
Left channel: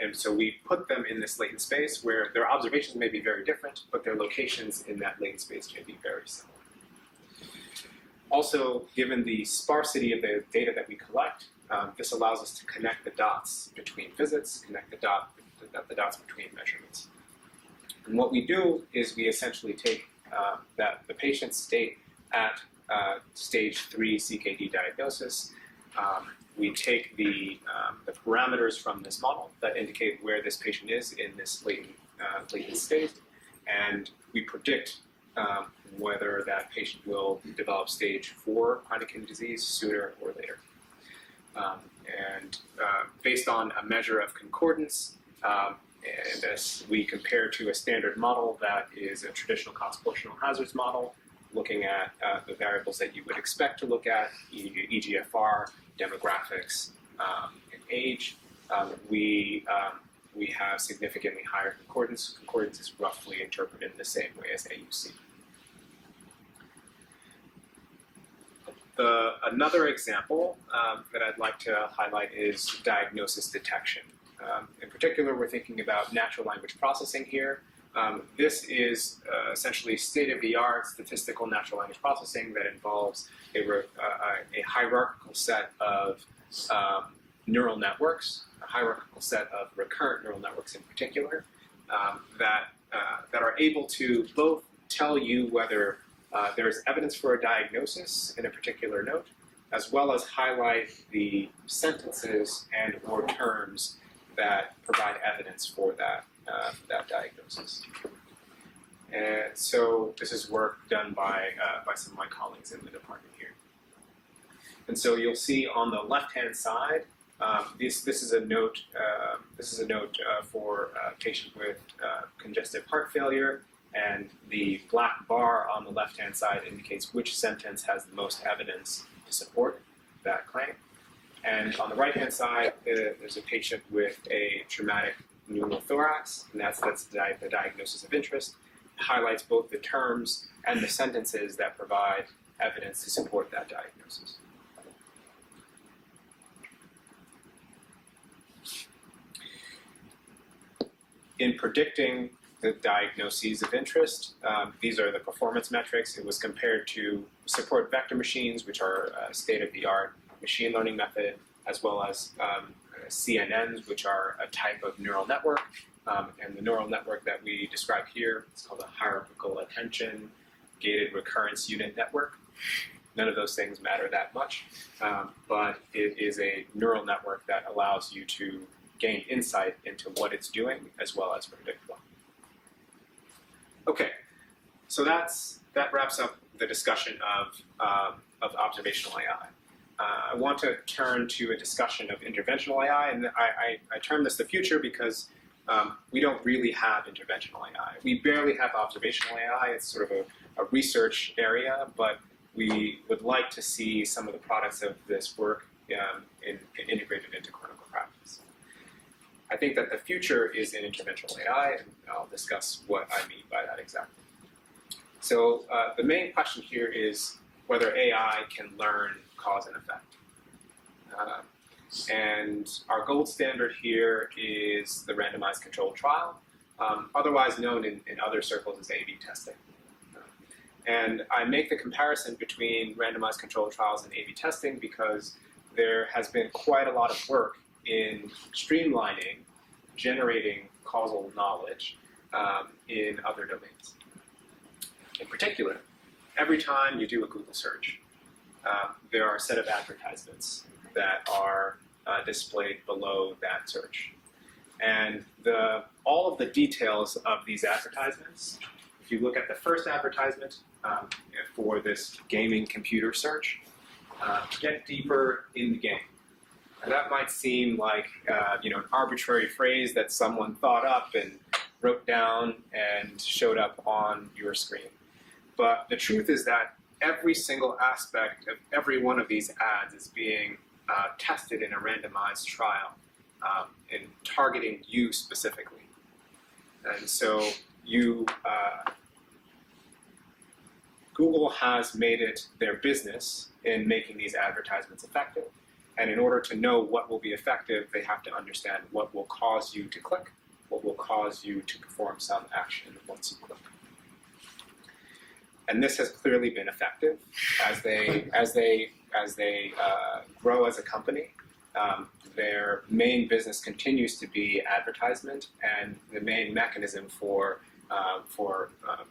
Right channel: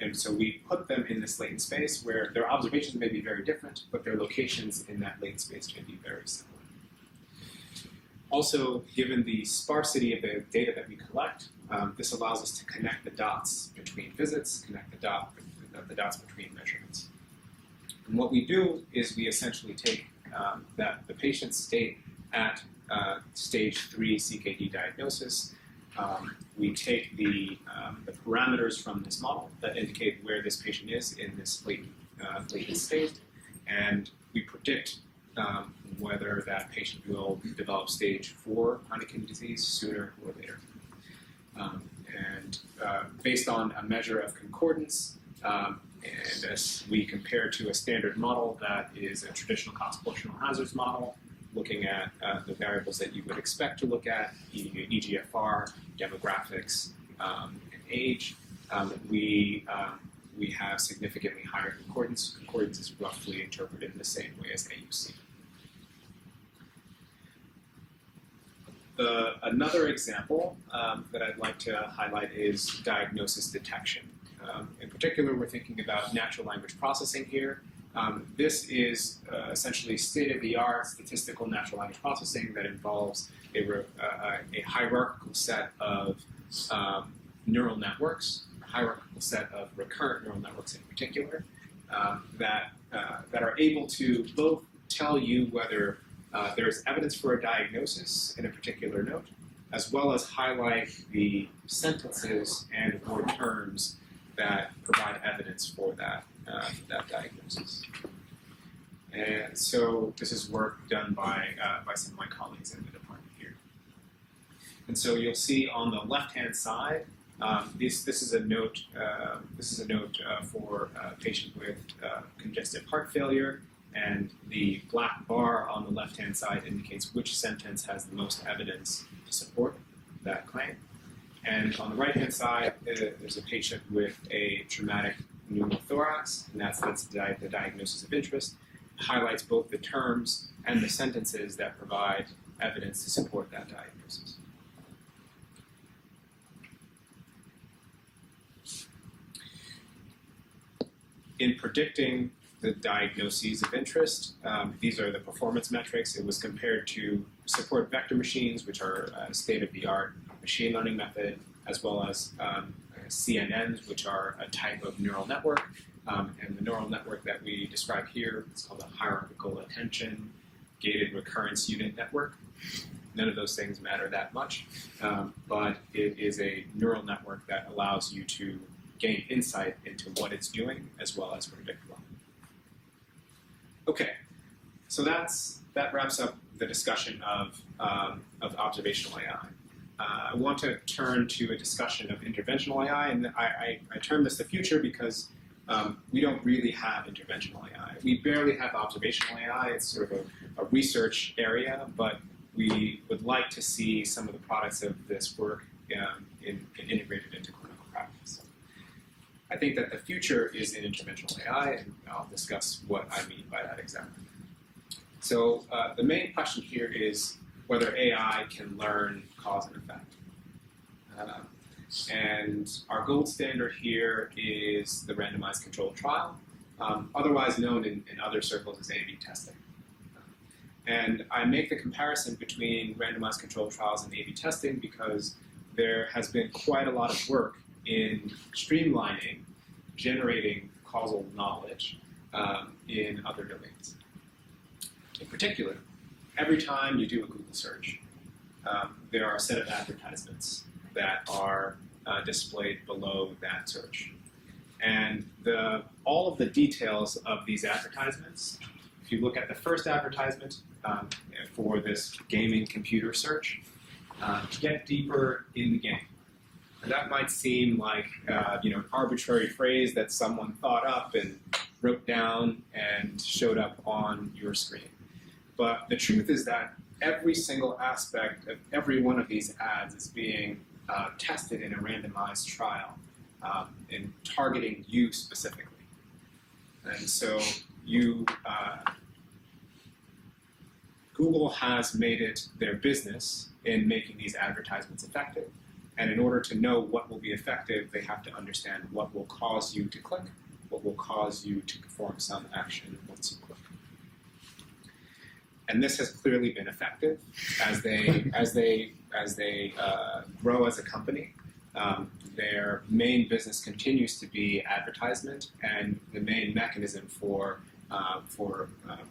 And so we put them in this latent space where their observations may be very different, but their locations in that latent space may be very similar. Also, given the sparsity of the data that we collect, this allows us to connect the dots between visits, connect the dots between measurements. And what we do is we essentially take the patient's state at stage 3 CKD diagnosis. We take the parameters from this model that indicate where this patient is in this latent state, and we predict whether that patient will develop stage 4 chronic kidney disease sooner or later. Based on a measure of concordance, and as we compare to a standard model that is a traditional cost proportional hazards model, looking at the variables that you would expect to look at, EGFR, demographics, and age, we have significantly higher concordance. Concordance is roughly interpreted in the same way as AUC. Another example that I'd like to highlight is diagnosis detection. In particular, we're thinking about natural language processing here. This is essentially state-of-the-art statistical natural language processing that involves a hierarchical set of neural networks, a hierarchical set of recurrent neural networks in particular, that are able to both tell you whether there's evidence for a diagnosis in a particular note, as well as highlight the sentences and or terms that provide evidence for that diagnosis. And so this is work done by some of my colleagues in the department here. And so you'll see on the left-hand side, this is a note. For a patient with congestive heart failure, and the black bar on the left-hand side indicates which sentence has the most evidence to support that claim. And on the right-hand side, there's a patient with a traumatic pneumothorax, and that's the diagnosis of interest. It highlights both the terms and the sentences that provide evidence to support that diagnosis. In predicting the diagnoses of interest, these are the performance metrics. It was compared to support vector machines, which are a state-of-the-art machine learning method, as well as CNNs, which are a type of neural network. And the neural network that we describe here is called a hierarchical attention gated recurrence unit network. None of those things matter that much, but it is a neural network that allows you to gain insight into what it's doing as well as predict well. Okay, so that wraps up the discussion of observational AI. I want to turn to a discussion of interventional AI, and I term this the future because we don't really have interventional AI. We barely have observational AI. It's sort of a research area, but we would like to see some of the products of this work integrated into clinical practice. I think that the future is in interventional AI, and I'll discuss what I mean by that exactly. So the main question here is whether AI can learn cause and effect. And our gold standard here is the randomized controlled trial, otherwise known in other circles as A/B testing. And I make the comparison between randomized controlled trials and A/B testing because there has been quite a lot of work in streamlining, generating causal knowledge in other domains. In particular, every time you do a Google search, there are a set of advertisements that are displayed below that search. And all of the details of these advertisements, if you look at the first advertisement for this gaming computer search, get deeper in the game. And that might seem like an arbitrary phrase that someone thought up and wrote down and showed up on your screen. But the truth is that every single aspect of every one of these ads is being tested in a randomized trial in targeting you specifically. And so Google has made it their business in making these advertisements effective. And in order to know what will be effective, they have to understand what will cause you to click, what will cause you to perform some action once you click. And this has clearly been effective as they grow as a company. Their main business continues to be advertisement, and the main mechanism for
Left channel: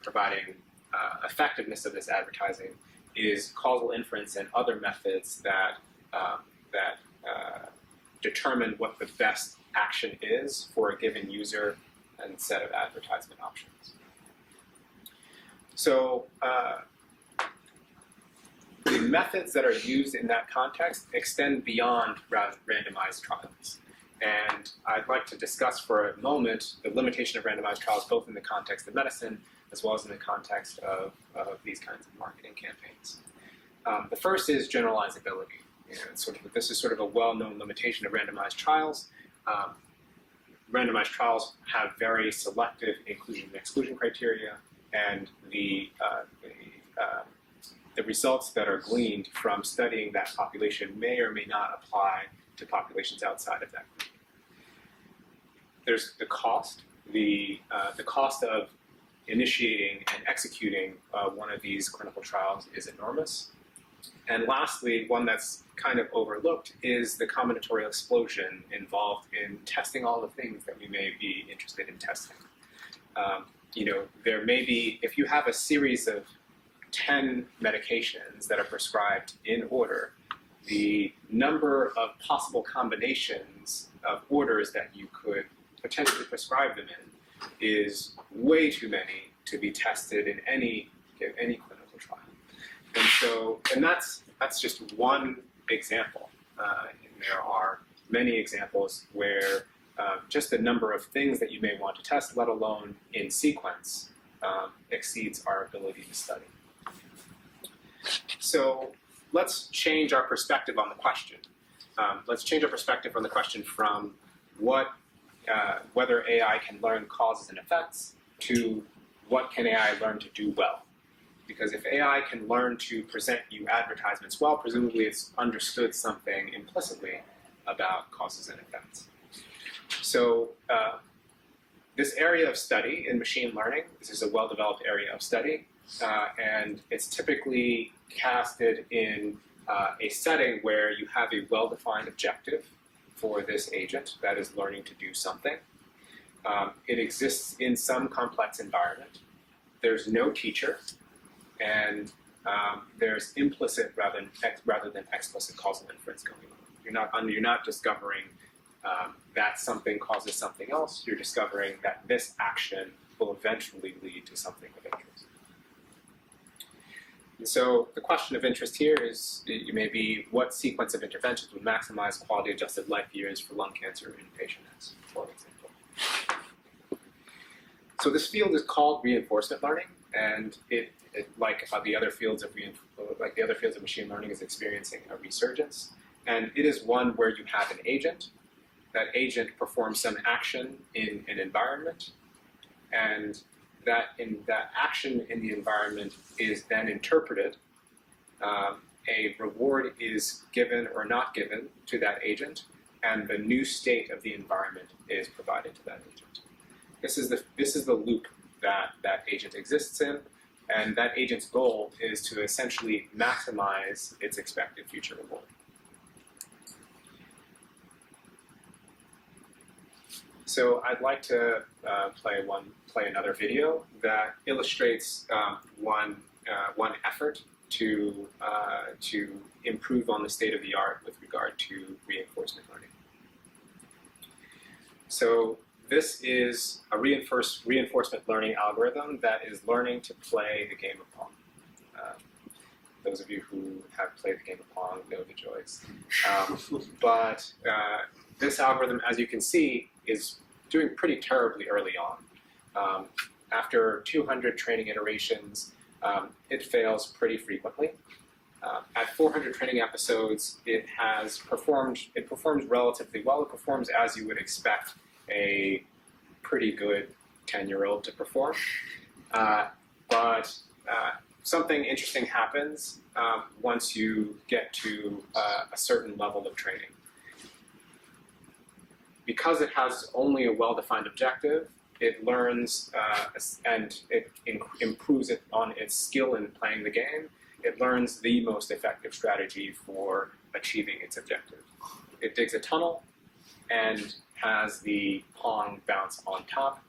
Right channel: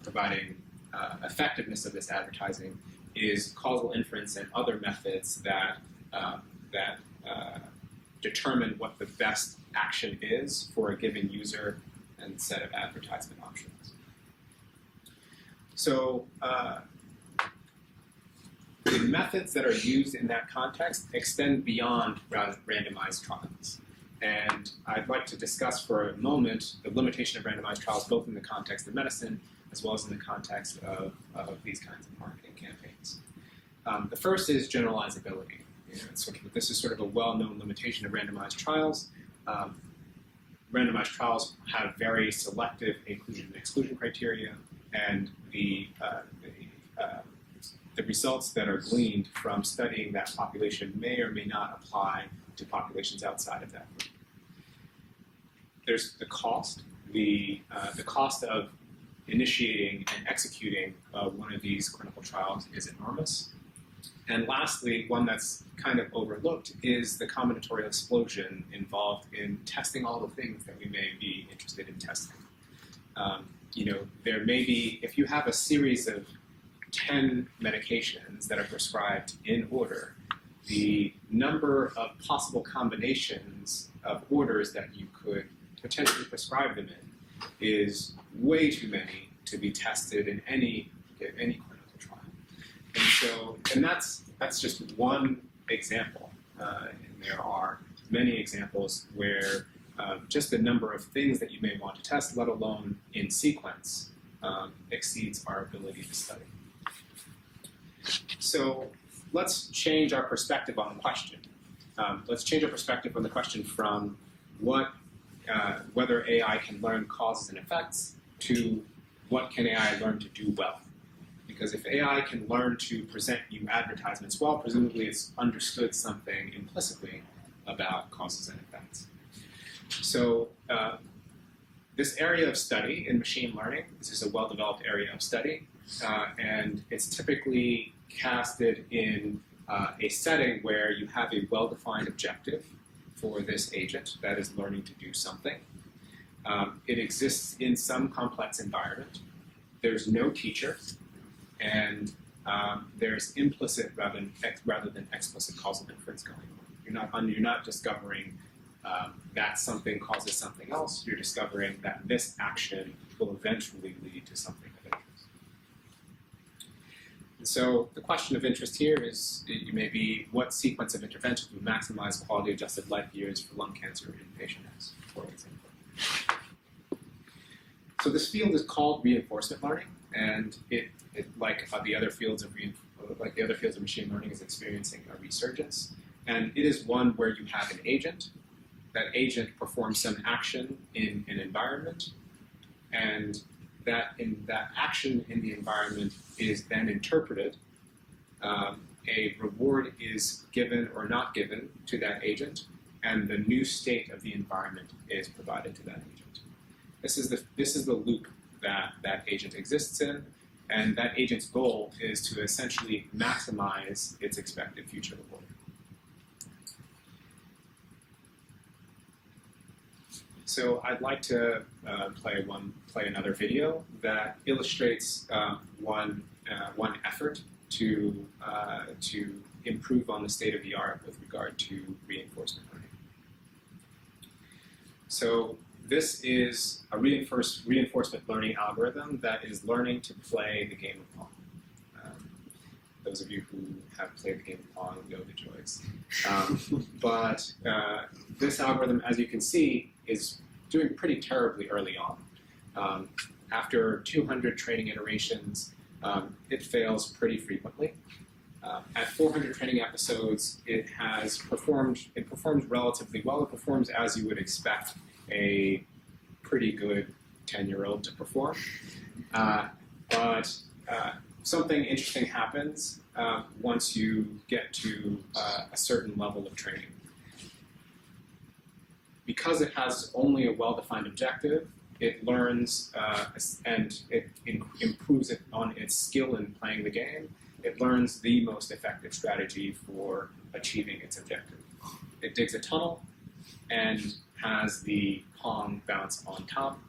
providing effectiveness of this advertising is causal inference and other methods that determine what the best action is for a given user and set of advertisement options. So the methods that are used in that context extend beyond randomized trials. And I'd like to discuss for a moment the limitation of randomized trials, both in the context of medicine as well as in the context of these kinds of marketing campaigns. The first is generalizability. This is sort of a well-known limitation of randomized trials. Randomized trials have very selective inclusion and exclusion criteria, and the the results that are gleaned from studying that population may or may not apply to populations outside of that group. There's the cost. The cost of initiating and executing one of these clinical trials is enormous. And lastly, one that's kind of overlooked is the combinatorial explosion involved in testing all the things that we may be interested in testing. There may be, if you have a series of 10 medications that are prescribed in order, the number of possible combinations of orders that you could potentially prescribe them in is way too many to be tested in any clinical trial. And that's just one example. And there are many examples where just the number of things that you may want to test, let alone in sequence, exceeds our ability to study. So let's change our perspective on the question. Let's change our perspective on the question from whether AI can learn causes and effects to what can AI learn to do well. Because if AI can learn to present you advertisements well, presumably it's understood something implicitly about causes and effects. So this area of study in machine learning, this is a well-developed area of study, and it's typically casted in a setting where you have a well-defined objective for this agent that is learning to do something. It exists in some complex environment. There's no teacher, and there's implicit rather than explicit causal inference going on. You're not discovering that something causes something else. You're discovering that this action will eventually lead to something of interest. And so the question of interest here is maybe what sequence of interventions would maximize quality-adjusted life years for lung cancer in patient X, for example. So this field is called reinforcement learning, and it like the other fields of machine learning, is experiencing a resurgence. And it is one where you have an agent. That agent performs some action in an environment, and that action in the environment is then interpreted. A reward is given or not given to that agent, and the new state of the environment is provided to that agent. This is the loop that agent exists in, and that agent's goal is to essentially maximize its expected future reward. So I'd like to play another video that illustrates one effort to improve on the state of the art with regard to reinforcement learning. So this is a reinforcement learning algorithm that is learning to play the game of Pong. Those of you who have played the game of Pong know the joys. But this algorithm, as you can see, is doing pretty terribly early on. After 200 training iterations, it fails pretty frequently. At 400 training episodes, it performs relatively well. It performs as you would expect a pretty good 10-year-old to perform. But something interesting happens once you get to a certain level of training. Because it has only a well-defined objective, it learns and it improves it on its skill in playing the game. It learns the most effective strategy for achieving its objective. It digs a tunnel and has the Pong bounce on top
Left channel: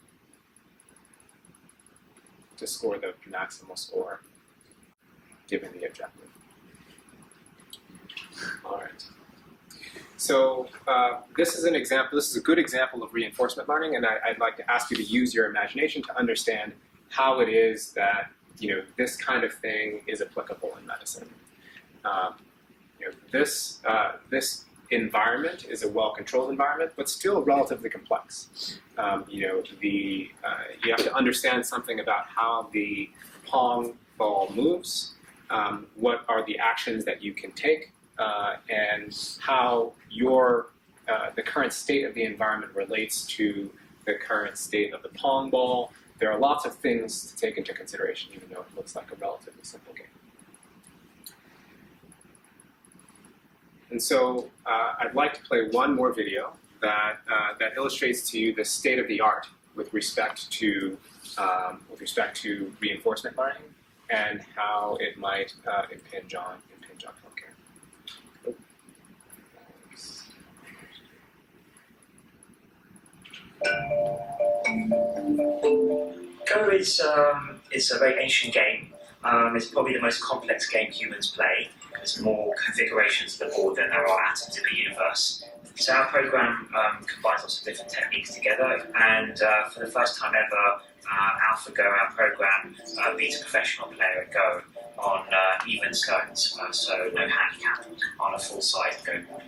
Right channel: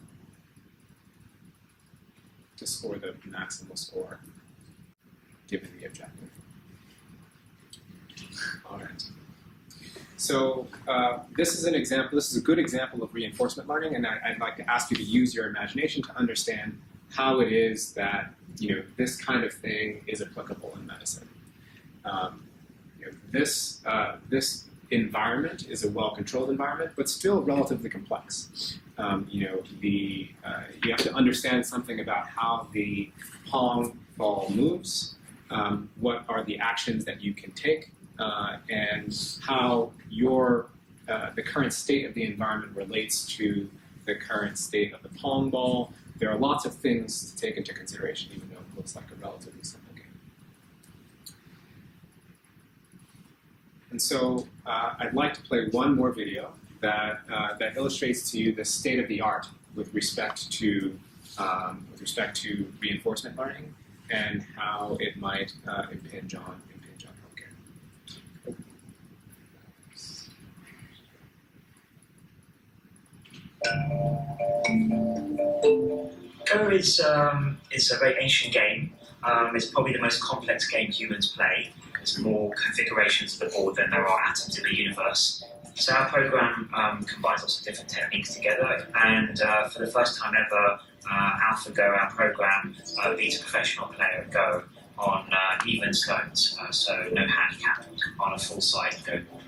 to score the maximal score given the objective. All right. So this is an example. This is a good example of reinforcement learning, and I'd like to ask you to use your imagination to understand how it is that this kind of thing is applicable in medicine. This environment is a well-controlled environment, but still relatively complex. You have to understand something about how the Pong ball moves, what are the actions that you can take, and how the current state of the environment relates to the current state of the Pong ball. There are lots of things to take into consideration, even though it looks like a relatively simple game. And so I'd like to play one more video that illustrates to you the state of the art with respect to reinforcement learning and how it might impinge on healthcare. Go is a very ancient game. It's probably the most complex game humans play. There's more configurations of the board than there are atoms in the universe. So our program combines lots of different techniques together, and for the first time ever, AlphaGo, our program, beats a professional player at Go on even stones, so no handicap, on a full-size Go board.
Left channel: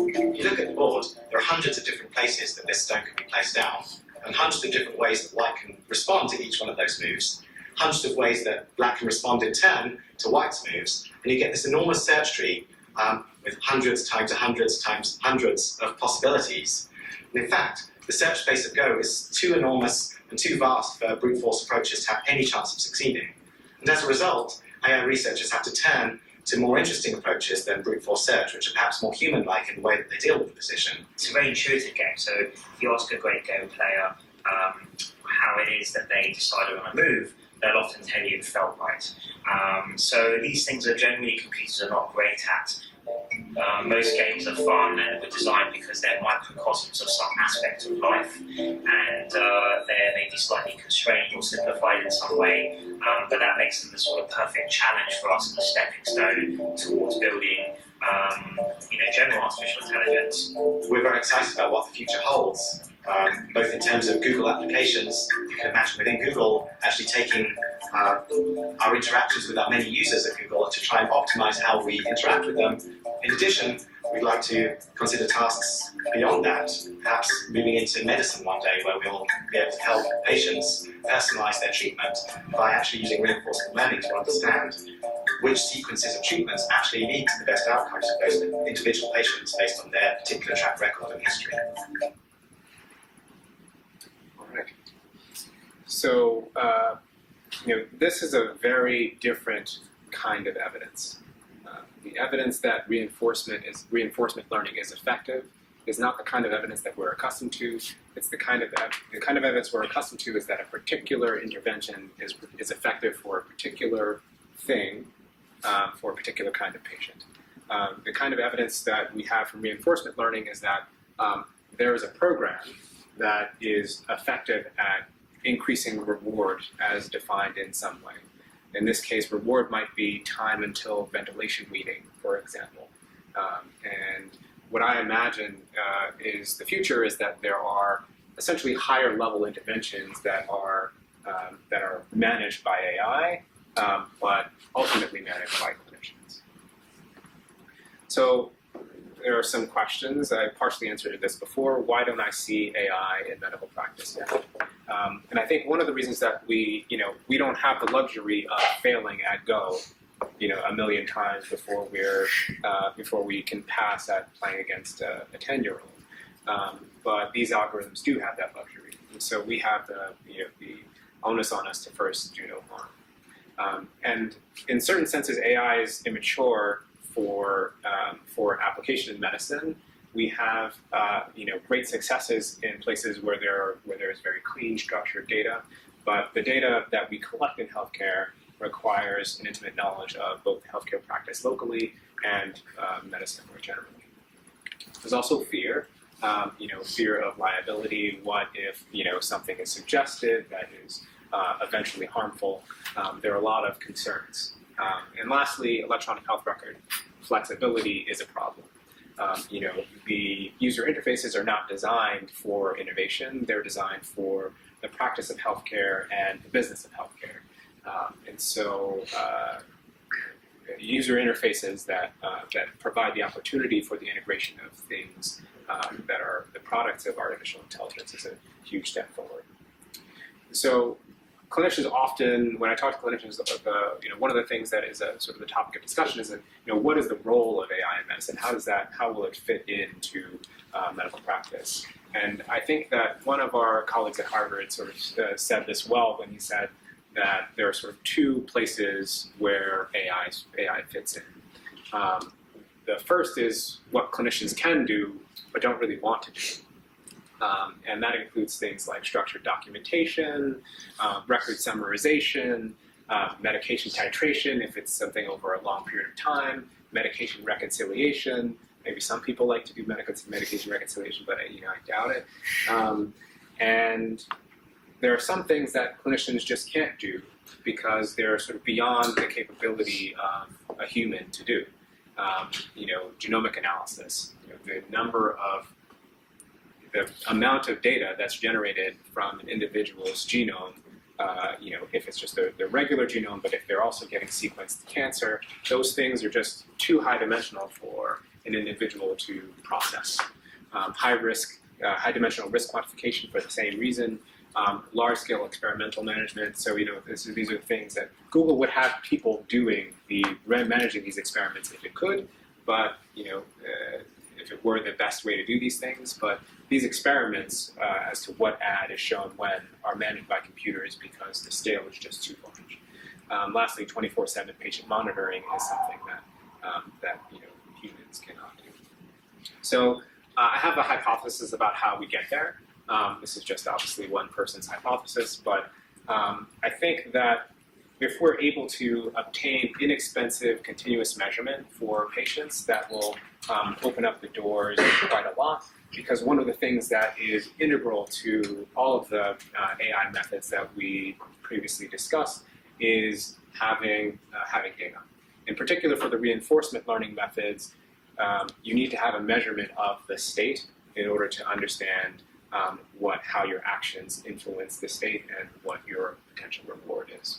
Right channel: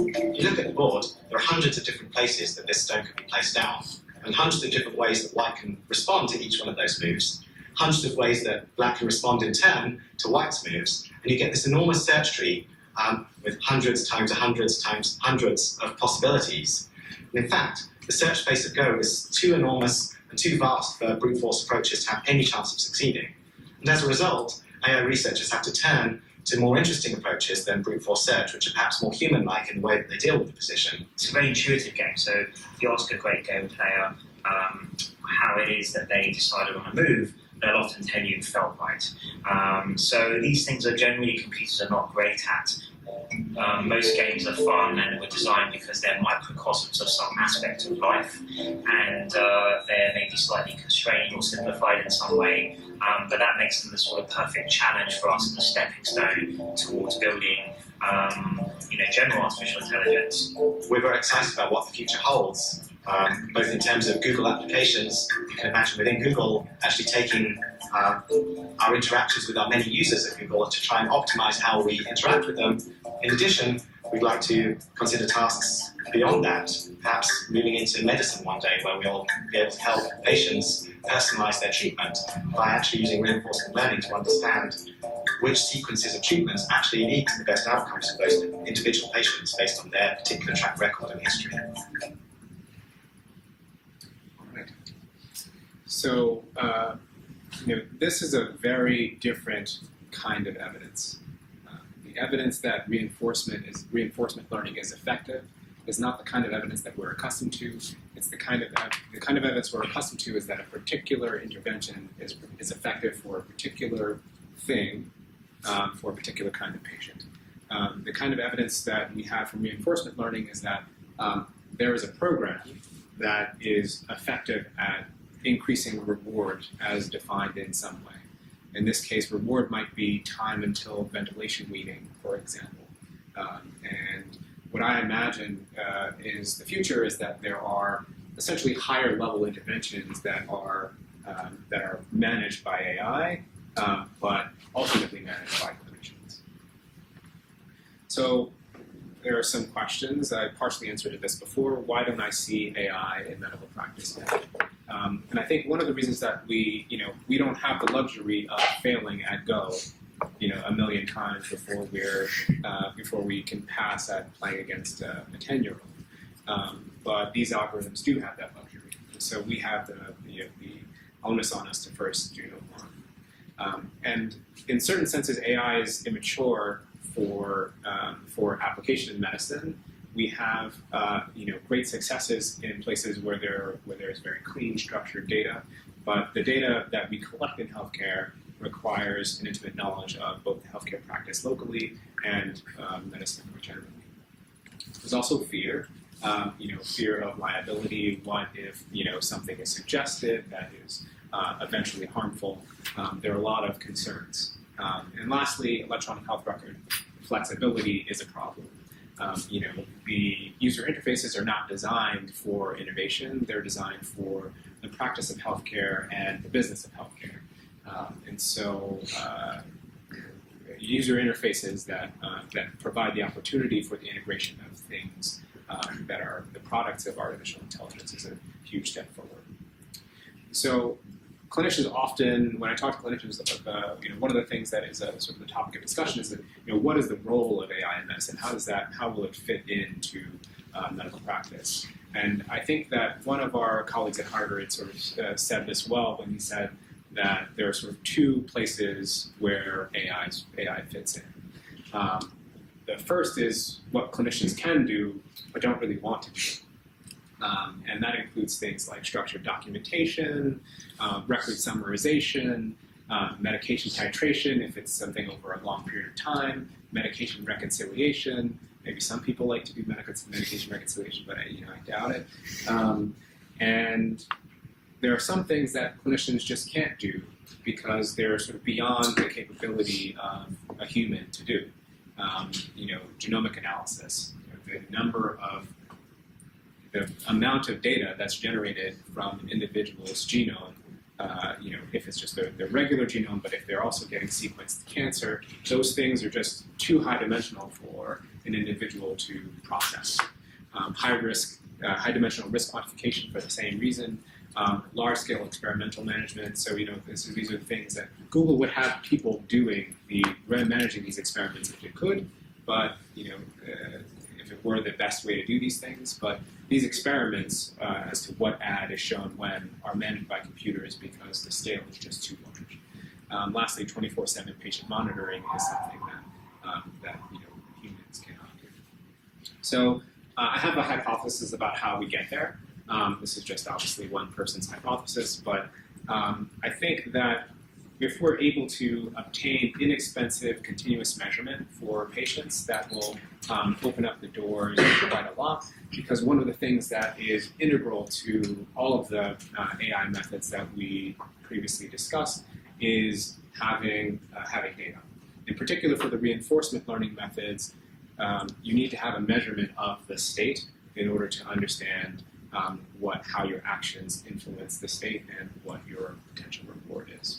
If you look at the board, there are hundreds of different places that this stone can be placed down, and hundreds of different ways that white can respond to each one of those moves, hundreds of ways that black can respond in turn to white's moves, and you get this enormous search tree with hundreds times hundreds times hundreds of possibilities. And in fact, the search space of Go is too enormous and too vast for brute force approaches to have any chance of succeeding. And as a result, AI researchers have to turn to more interesting approaches than brute force search, which are perhaps more human-like in the way that they deal with the position. It's a very intuitive game, so if you ask a great Go player how it is that they decide on a move, they'll often tell you it felt right. So these things are generally computers are not great at. Most games are fun and were designed because they're microcosms of some aspect of life, and they're maybe slightly constrained or simplified in some way, but that makes them the sort of perfect challenge for us as a stepping stone towards building general artificial intelligence. We're very excited about what the future holds, both in terms of Google applications. You can imagine within Google actually taking our interactions with our many users at Google to try and optimize how we interact with them. In addition, we'd like to consider tasks beyond that, perhaps moving into medicine one day where we'll be able to help patients personalize their treatment by actually using reinforcement learning to understand which sequences of treatments actually lead to the best outcomes for those individual patients based on their particular track record and history. All right. So, this is a very different kind of evidence. The evidence that reinforcement learning is effective is not the kind of evidence that we're accustomed to. It's the kind of evidence we're accustomed to is that a particular intervention is effective for a particular thing, for a particular kind of patient. The kind of evidence that we have from reinforcement learning is that there is a program that is effective at increasing reward as defined in some way. In this case, reward might be time until ventilation weaning, for example. And what I imagine is the future is that there are essentially higher level interventions that are managed by AI, but ultimately managed by clinicians. So there are some questions. I partially answered this before. Why don't I see AI in medical practice yet? And I think one of the reasons that we don't have the luxury of failing at Go, a million times before we can pass at playing against a 10-year-old. But these algorithms do have that luxury, and so we have the onus on us to first do no harm. And in certain senses, AI is immature for application in medicine. We have great successes in places where there is very clean, structured data, but the data that we collect in healthcare requires an intimate knowledge of both healthcare practice locally and medicine more generally. There's also fear, fear of liability. What if something is suggested that is eventually harmful? There are a lot of concerns. And lastly, electronic health record flexibility is a problem. The user interfaces are not designed for innovation. They're designed for the practice of healthcare and the business of healthcare. And so user interfaces that provide the opportunity for the integration of things that are the products of artificial intelligence is a huge step forward. So clinicians often, when I talk to clinicians, one of the things that is sort of the topic of discussion is that, what is the role of AI in medicine? How will it fit into medical practice? And I think that one of our colleagues at Harvard sort of said this well when he said, that there are sort of two places where AI fits in. The first is what clinicians can do but don't really want to do. And that includes things like structured documentation, record summarization, medication titration if it's something over a long period of time, medication reconciliation. Maybe some people like to do medication reconciliation, but I doubt it. And there are some things that clinicians just can't do because they're sort of beyond the capability of a human to do. Genomic analysis, the amount of data that's generated from an individual's genome, if it's just the regular genome, but if they're also getting sequenced cancer, those things are just too high dimensional for an individual to process. High dimensional risk quantification for the same reason. Large-scale experimental management. So, these are things that Google would have people managing these experiments if it could, but, if it were the best way to do these things. But these experiments, as to what ad is shown when, are managed by computers because the scale is just too large. Lastly, 24/7 patient monitoring is something that humans cannot do. So, I have a hypothesis about how we get there. This is just obviously one person's hypothesis, but I think that if we're able to obtain inexpensive continuous measurement for patients, that will open up the doors quite a lot, because one of the things that is integral to all of the AI methods that we previously discussed is having data. In particular, for the reinforcement learning methods, you need to have a measurement of the state in order to understand how your actions influence the state and what your potential reward is.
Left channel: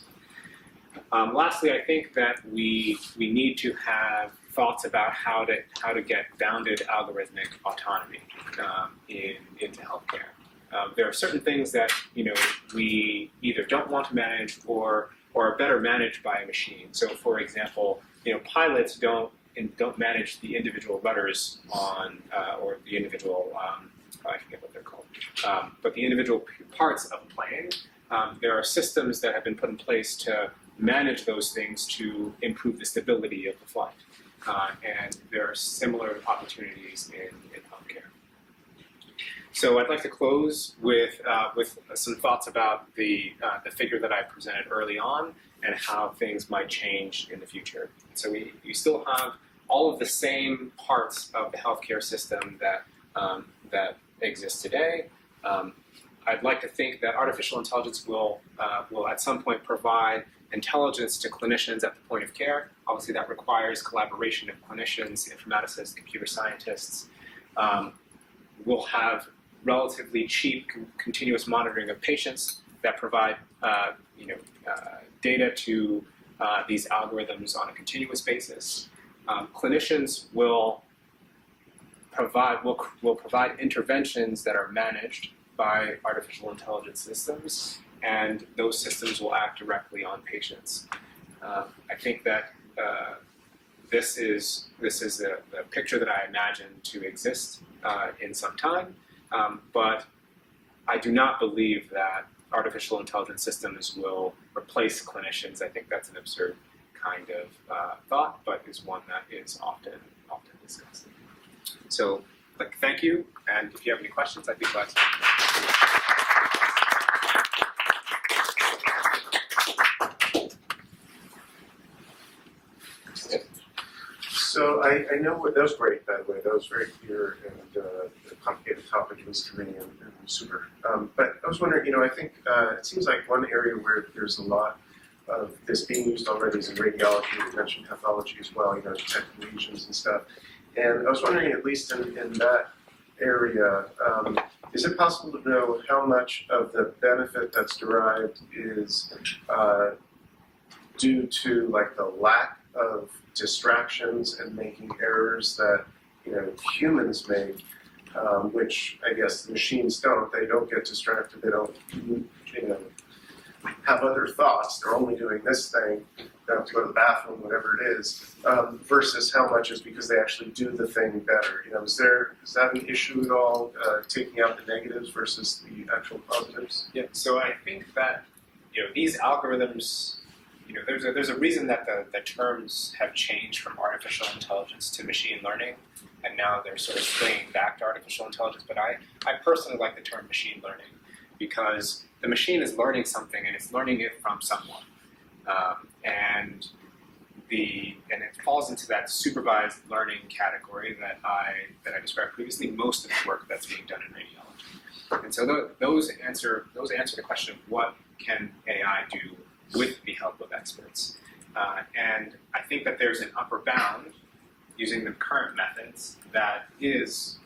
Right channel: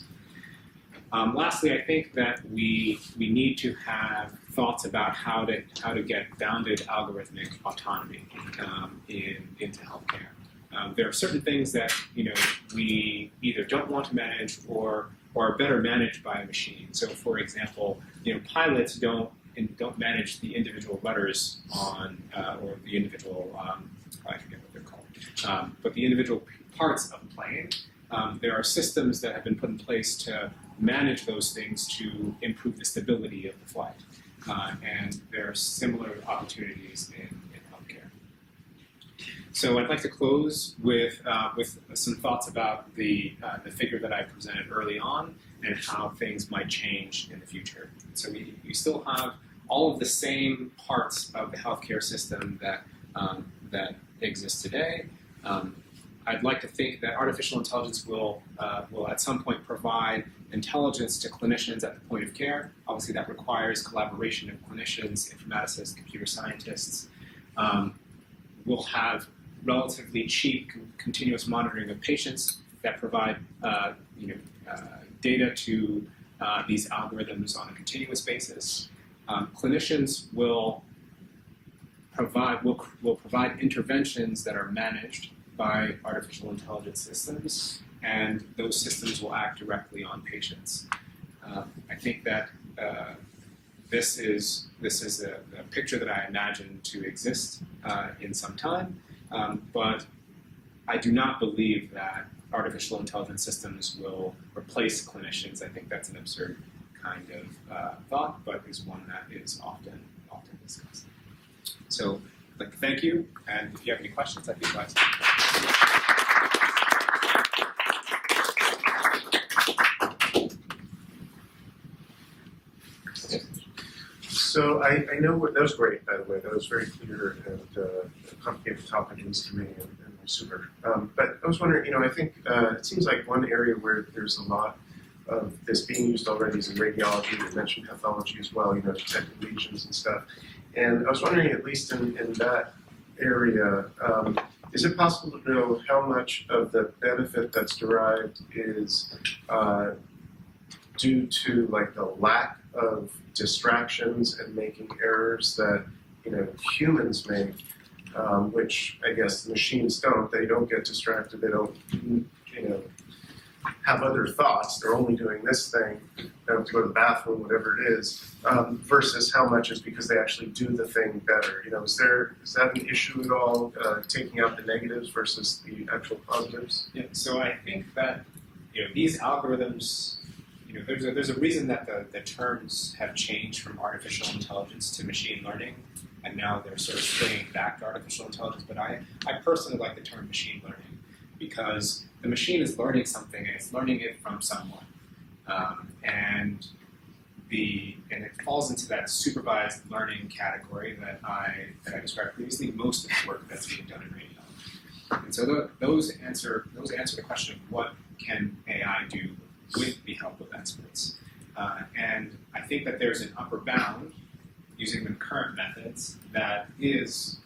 Lastly, I think that we need to have thoughts about how to get bounded algorithmic autonomy into healthcare. There are certain things that we either don't want to manage or are better managed by a machine. So, for example, pilots don't manage the individual rudders on or the individual I forget what they're called, but the individual parts of a plane. There are systems that have been put in place to manage those things to improve the stability of the flight. And there are similar opportunities in healthcare. So I'd like to close with some thoughts about the figure that I presented early on and how things might change in the future. So we still have all of the same parts of the healthcare system that exist today. I'd like to think that artificial intelligence will at some point provide intelligence to clinicians at the point of care. Obviously, that requires collaboration of clinicians, informaticists, computer scientists. We'll have relatively cheap continuous monitoring of patients that provide data to these algorithms on a continuous basis. Clinicians will provide interventions that are managed by artificial intelligence systems, and those systems will act directly on patients. I think that this is the picture that I imagine to exist in some time, but I do not believe that artificial intelligence systems will replace clinicians. I think that's an absurd kind of thought, but is one that is often discussed. So, thank you, and if you have any questions, I'd be glad to. So I know that was great, by the way. That was very clear and a complicated topic, at least to me, and super. But I was wondering, I think it seems like one area where there's a lot of this being used already is in radiology. You mentioned pathology as well, detecting lesions and stuff. And I was wondering, at least in that area, is it possible to know how much of the benefit that's derived is due to the lack of distractions and making errors that humans make, which I guess the machines don't. They don't get distracted. They don't have other thoughts. They're only doing this thing. They don't have to go to the bathroom, whatever it is. Versus how much is because they actually do the thing better. Is that an issue at all? Taking out the negatives versus the actual positives? Yeah. So I think that these algorithms, there's a reason that the terms have changed from artificial intelligence to machine learning, and now they're sort of swinging back to artificial intelligence. But I personally like the term machine learning because the machine is learning something and it's learning it from someone, and it falls into that supervised learning category that I described previously. Most of the work that's being done in radiology, and so those answer the question of what can AI do with the help of experts. And I think that there's an upper bound using the current methods that is,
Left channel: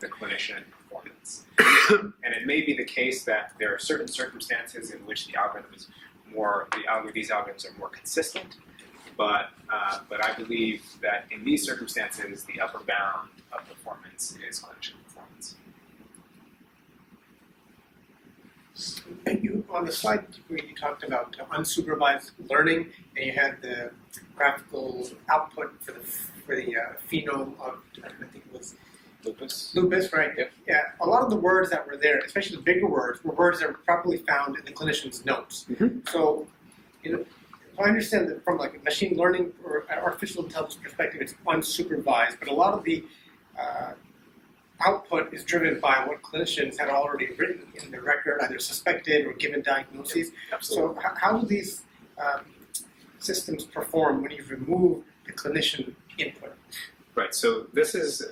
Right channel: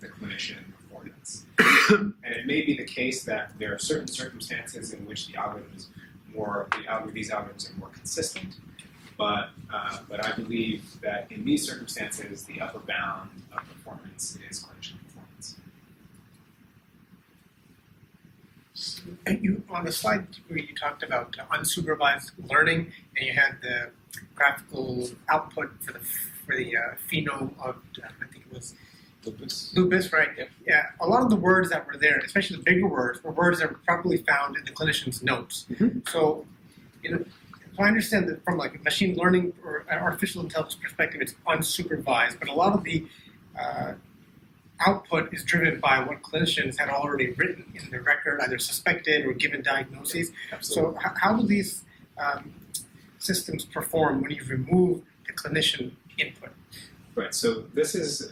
the clinician performance. And it may be the case that there are certain circumstances in which these algorithms are more consistent, but I believe that in these circumstances, the upper bound of performance is clinician performance. And you, on the slide where you talked about unsupervised learning, and you had the graphical output for the phenome of, I think it was lupus, right? Yep. Yeah, a lot of the words that were there, especially the bigger words, were words that were properly found in the clinician's notes. Mm-hmm. So, if I understand that from like a machine learning or an artificial intelligence perspective, it's unsupervised, but a lot of the output is driven by what clinicians have already written in the record, either suspected or given diagnoses. Absolutely. So how do these systems perform when you remove the clinician input? Right, so this is,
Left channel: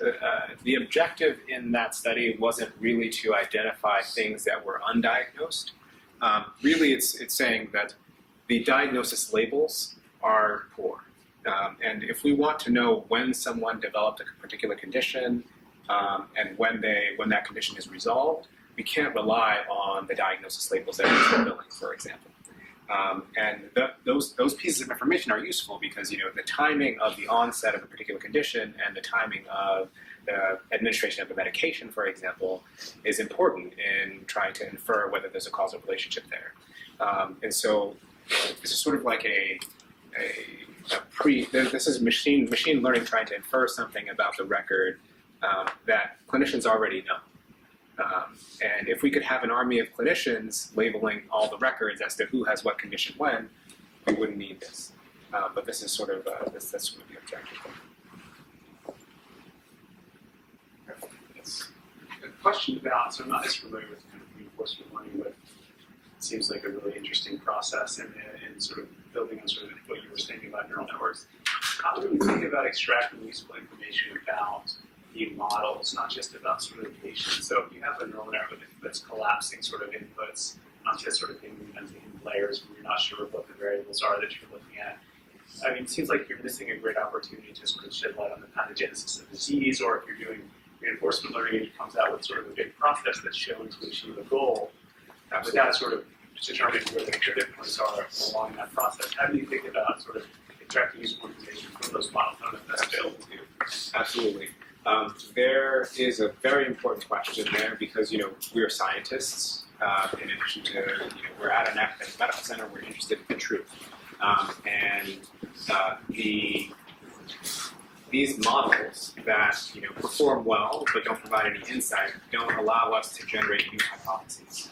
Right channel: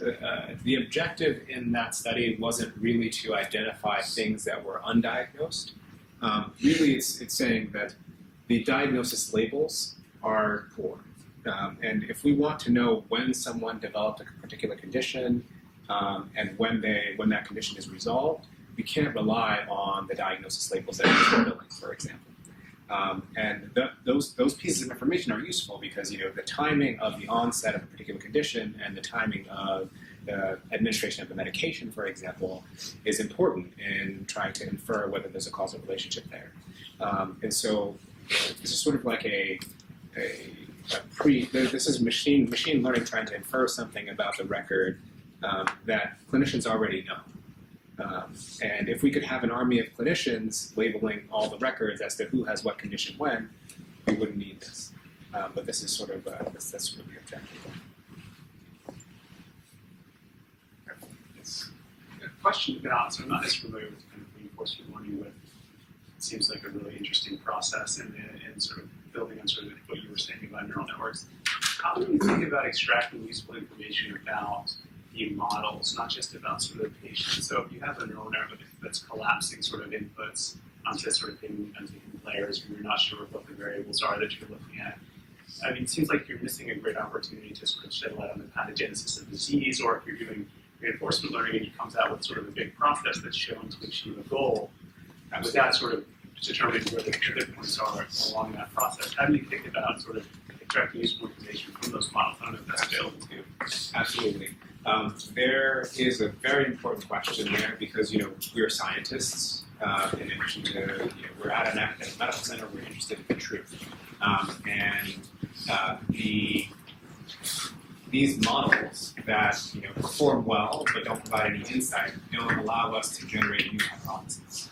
the objective in that study wasn't really to identify things that were undiagnosed. Really, it's saying that the diagnosis labels are poor. And if we want to know when someone developed a particular condition and when that condition is resolved, we can't rely on the diagnosis labels that are billing, for example. And those pieces of information are useful because the timing of the onset of a particular condition and the timing of the administration of a medication, for example, is important in trying to infer whether there's a causal relationship there. And so this is sort of like this is machine learning trying to infer something about the record that clinicians already know. And if we could have an army of clinicians labeling all the records as to who has what condition when, we wouldn't need this. But this is sort of that's sort of the objective. Yes. A question about, so I'm not as familiar with kind of reinforcement learning, but it seems like a really interesting process in sort of building on sort of what you were saying about neural networks. How do you think about extracting useful information about the models, not just about sort of the patient? So if you have a neural network that's collapsing sort of inputs onto sort of hidden layers and you're not sure what the variables are that you're looking at, I mean, it seems like you're missing a great opportunity to sort of shed light on the pathogenesis of disease, or if you're doing reinforcement learning and it comes out with sort of a big process that's shown to achieve a goal, without sort of determining where the pivot points are along that process. How do you think about sort of extracting useful information from those models? I don't know if that's available to you. Absolutely. There is a very important question there because, we're scientists. In addition to, we're at an academic medical center, we're interested in the truth. These models that, perform well but don't provide any insight don't allow us to generate new hypotheses.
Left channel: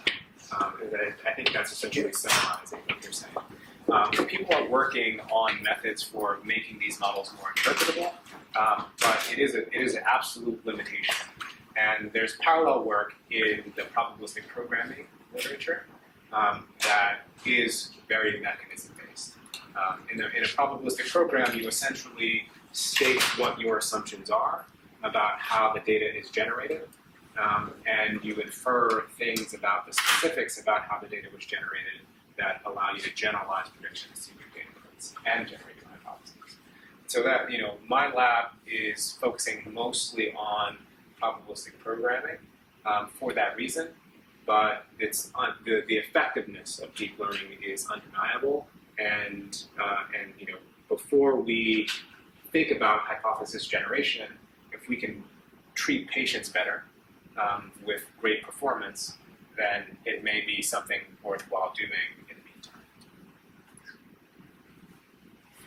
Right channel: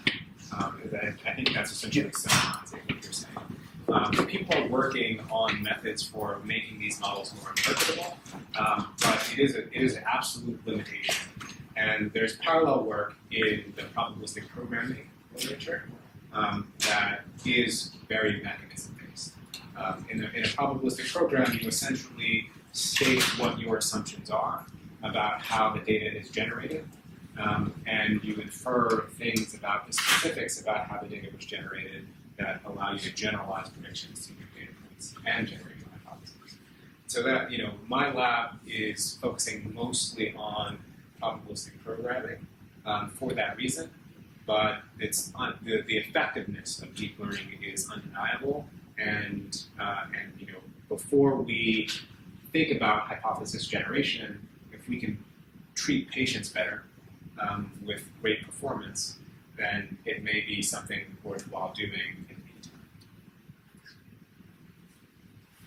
I think that's essentially summarizing what you're saying. People are working on methods for making these models more interpretable, but it is an absolute limitation. And there's parallel work in the probabilistic programming literature that is very mechanism-based. In a probabilistic program, you essentially state what your assumptions are about how the data is generated, and you infer things about the specifics about how the data was generated that allow you to generalize predictions to new data points and generate new hypotheses. So that, my lab is focusing mostly on probabilistic programming for that reason, but it's the effectiveness of deep learning is undeniable, and before we think about hypothesis generation, if we can treat patients better with great performance, then it may be something worthwhile doing in the meantime.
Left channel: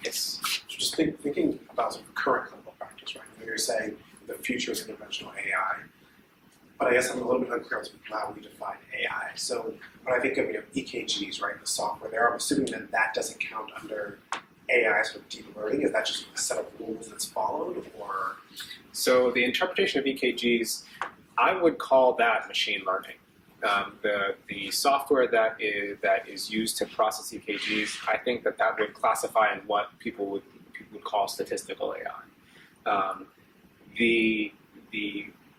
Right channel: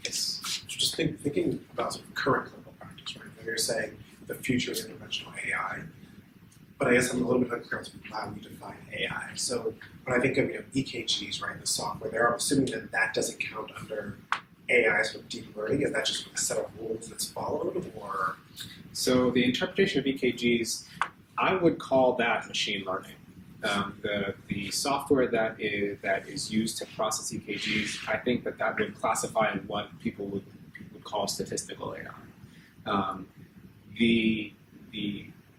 Yes. So just thinking about sort of current clinical practice, right? When you're saying the future is interventional AI, but I guess I'm a little bit unclear on how we define AI. So when I think of EKGs, right, the software there, I'm assuming that that doesn't count under AI sort of deep learning. Is that just a set of rules that's followed, or? So the interpretation of EKGs, I would call that machine learning. The software that is used to process EKGs, I think that would classify in what people would call statistical AI. The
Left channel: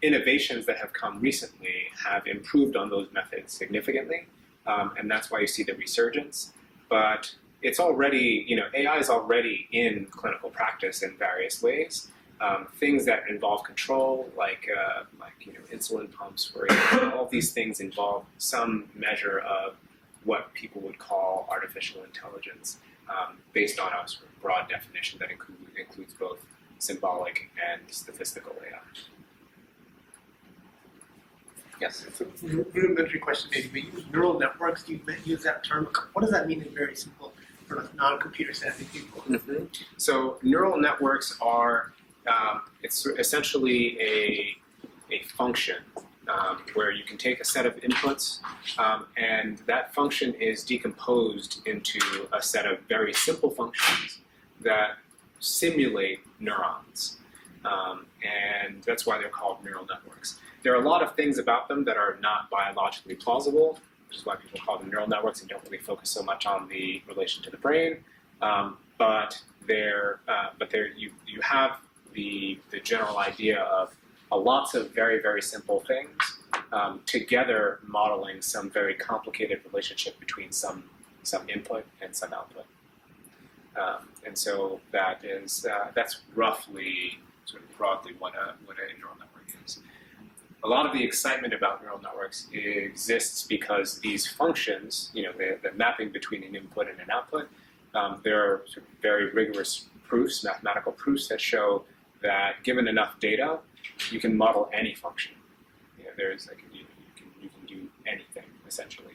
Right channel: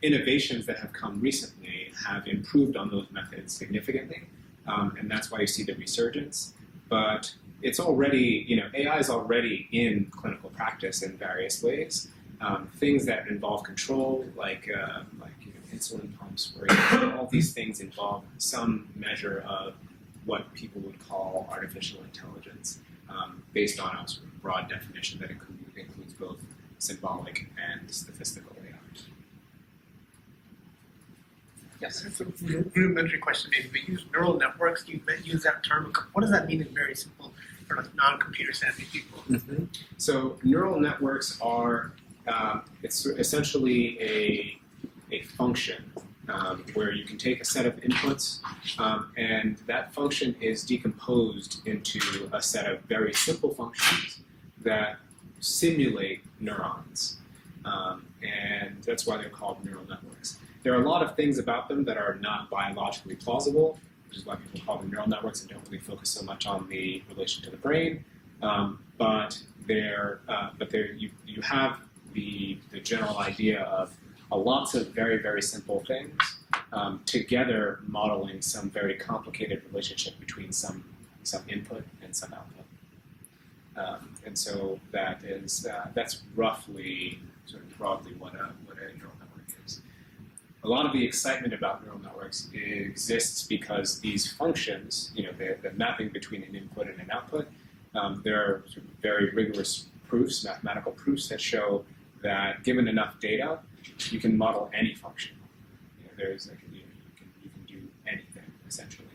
innovations that have come recently have improved on those methods significantly, and that's why you see the resurgence. But it's already, AI is already in clinical practice in various ways. Things that involve control, like insulin pumps, for example, all these things involve some measure of what people would call artificial intelligence, based on a sort of broad definition that includes both symbolic and statistical AI. Yes. It's a rudimentary question, maybe. We use neural networks. You use that term. What does that mean in very simple, sort of non-computer savvy people? Mm-hmm. So neural networks are it's essentially a function where you can take a set of inputs, and that function is decomposed into a set of very simple functions that simulate neurons, and that's why they're called neural networks. There are a lot of things about them that are not biologically plausible, which is why people call them neural networks and don't really focus so much on the relation to the brain. But you have the general idea of lots of very, very simple things together modeling some very complicated relationship between some input and some output. And so that's roughly, sort of broadly, what a neural network is. A lot of the excitement about neural networks exists because these functions, the mapping between an input and an output, there are sort of very rigorous proofs, mathematical proofs that show that given enough data, you can model any function. There's you can do anything essentially,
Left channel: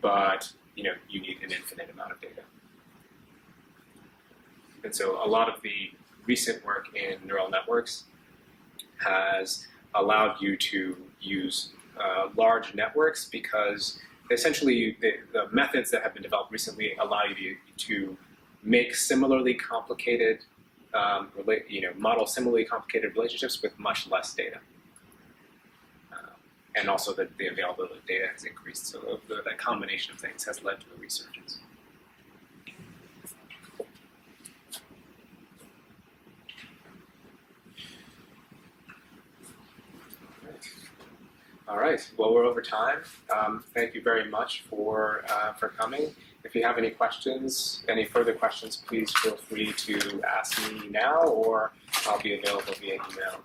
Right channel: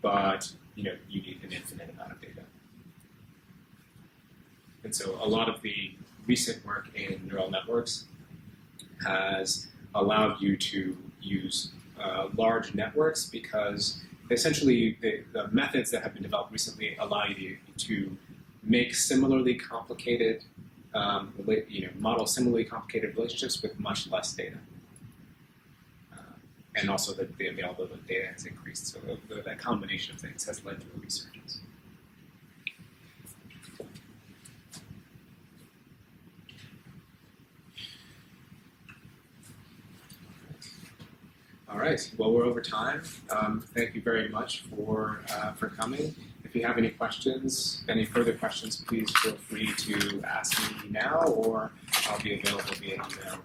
but you need an infinite amount of data. And so a lot of the recent work in neural networks has allowed you to use large networks because essentially the methods that have been developed recently allow you to make similarly complicated, model similarly complicated relationships with much less data. And also the availability of data has increased, so that combination of things has led to a resurgence. All right. Well, we're over time. Thank you very much for coming. If you have any questions, any further questions, please feel free to ask me now, or I'll be available via email.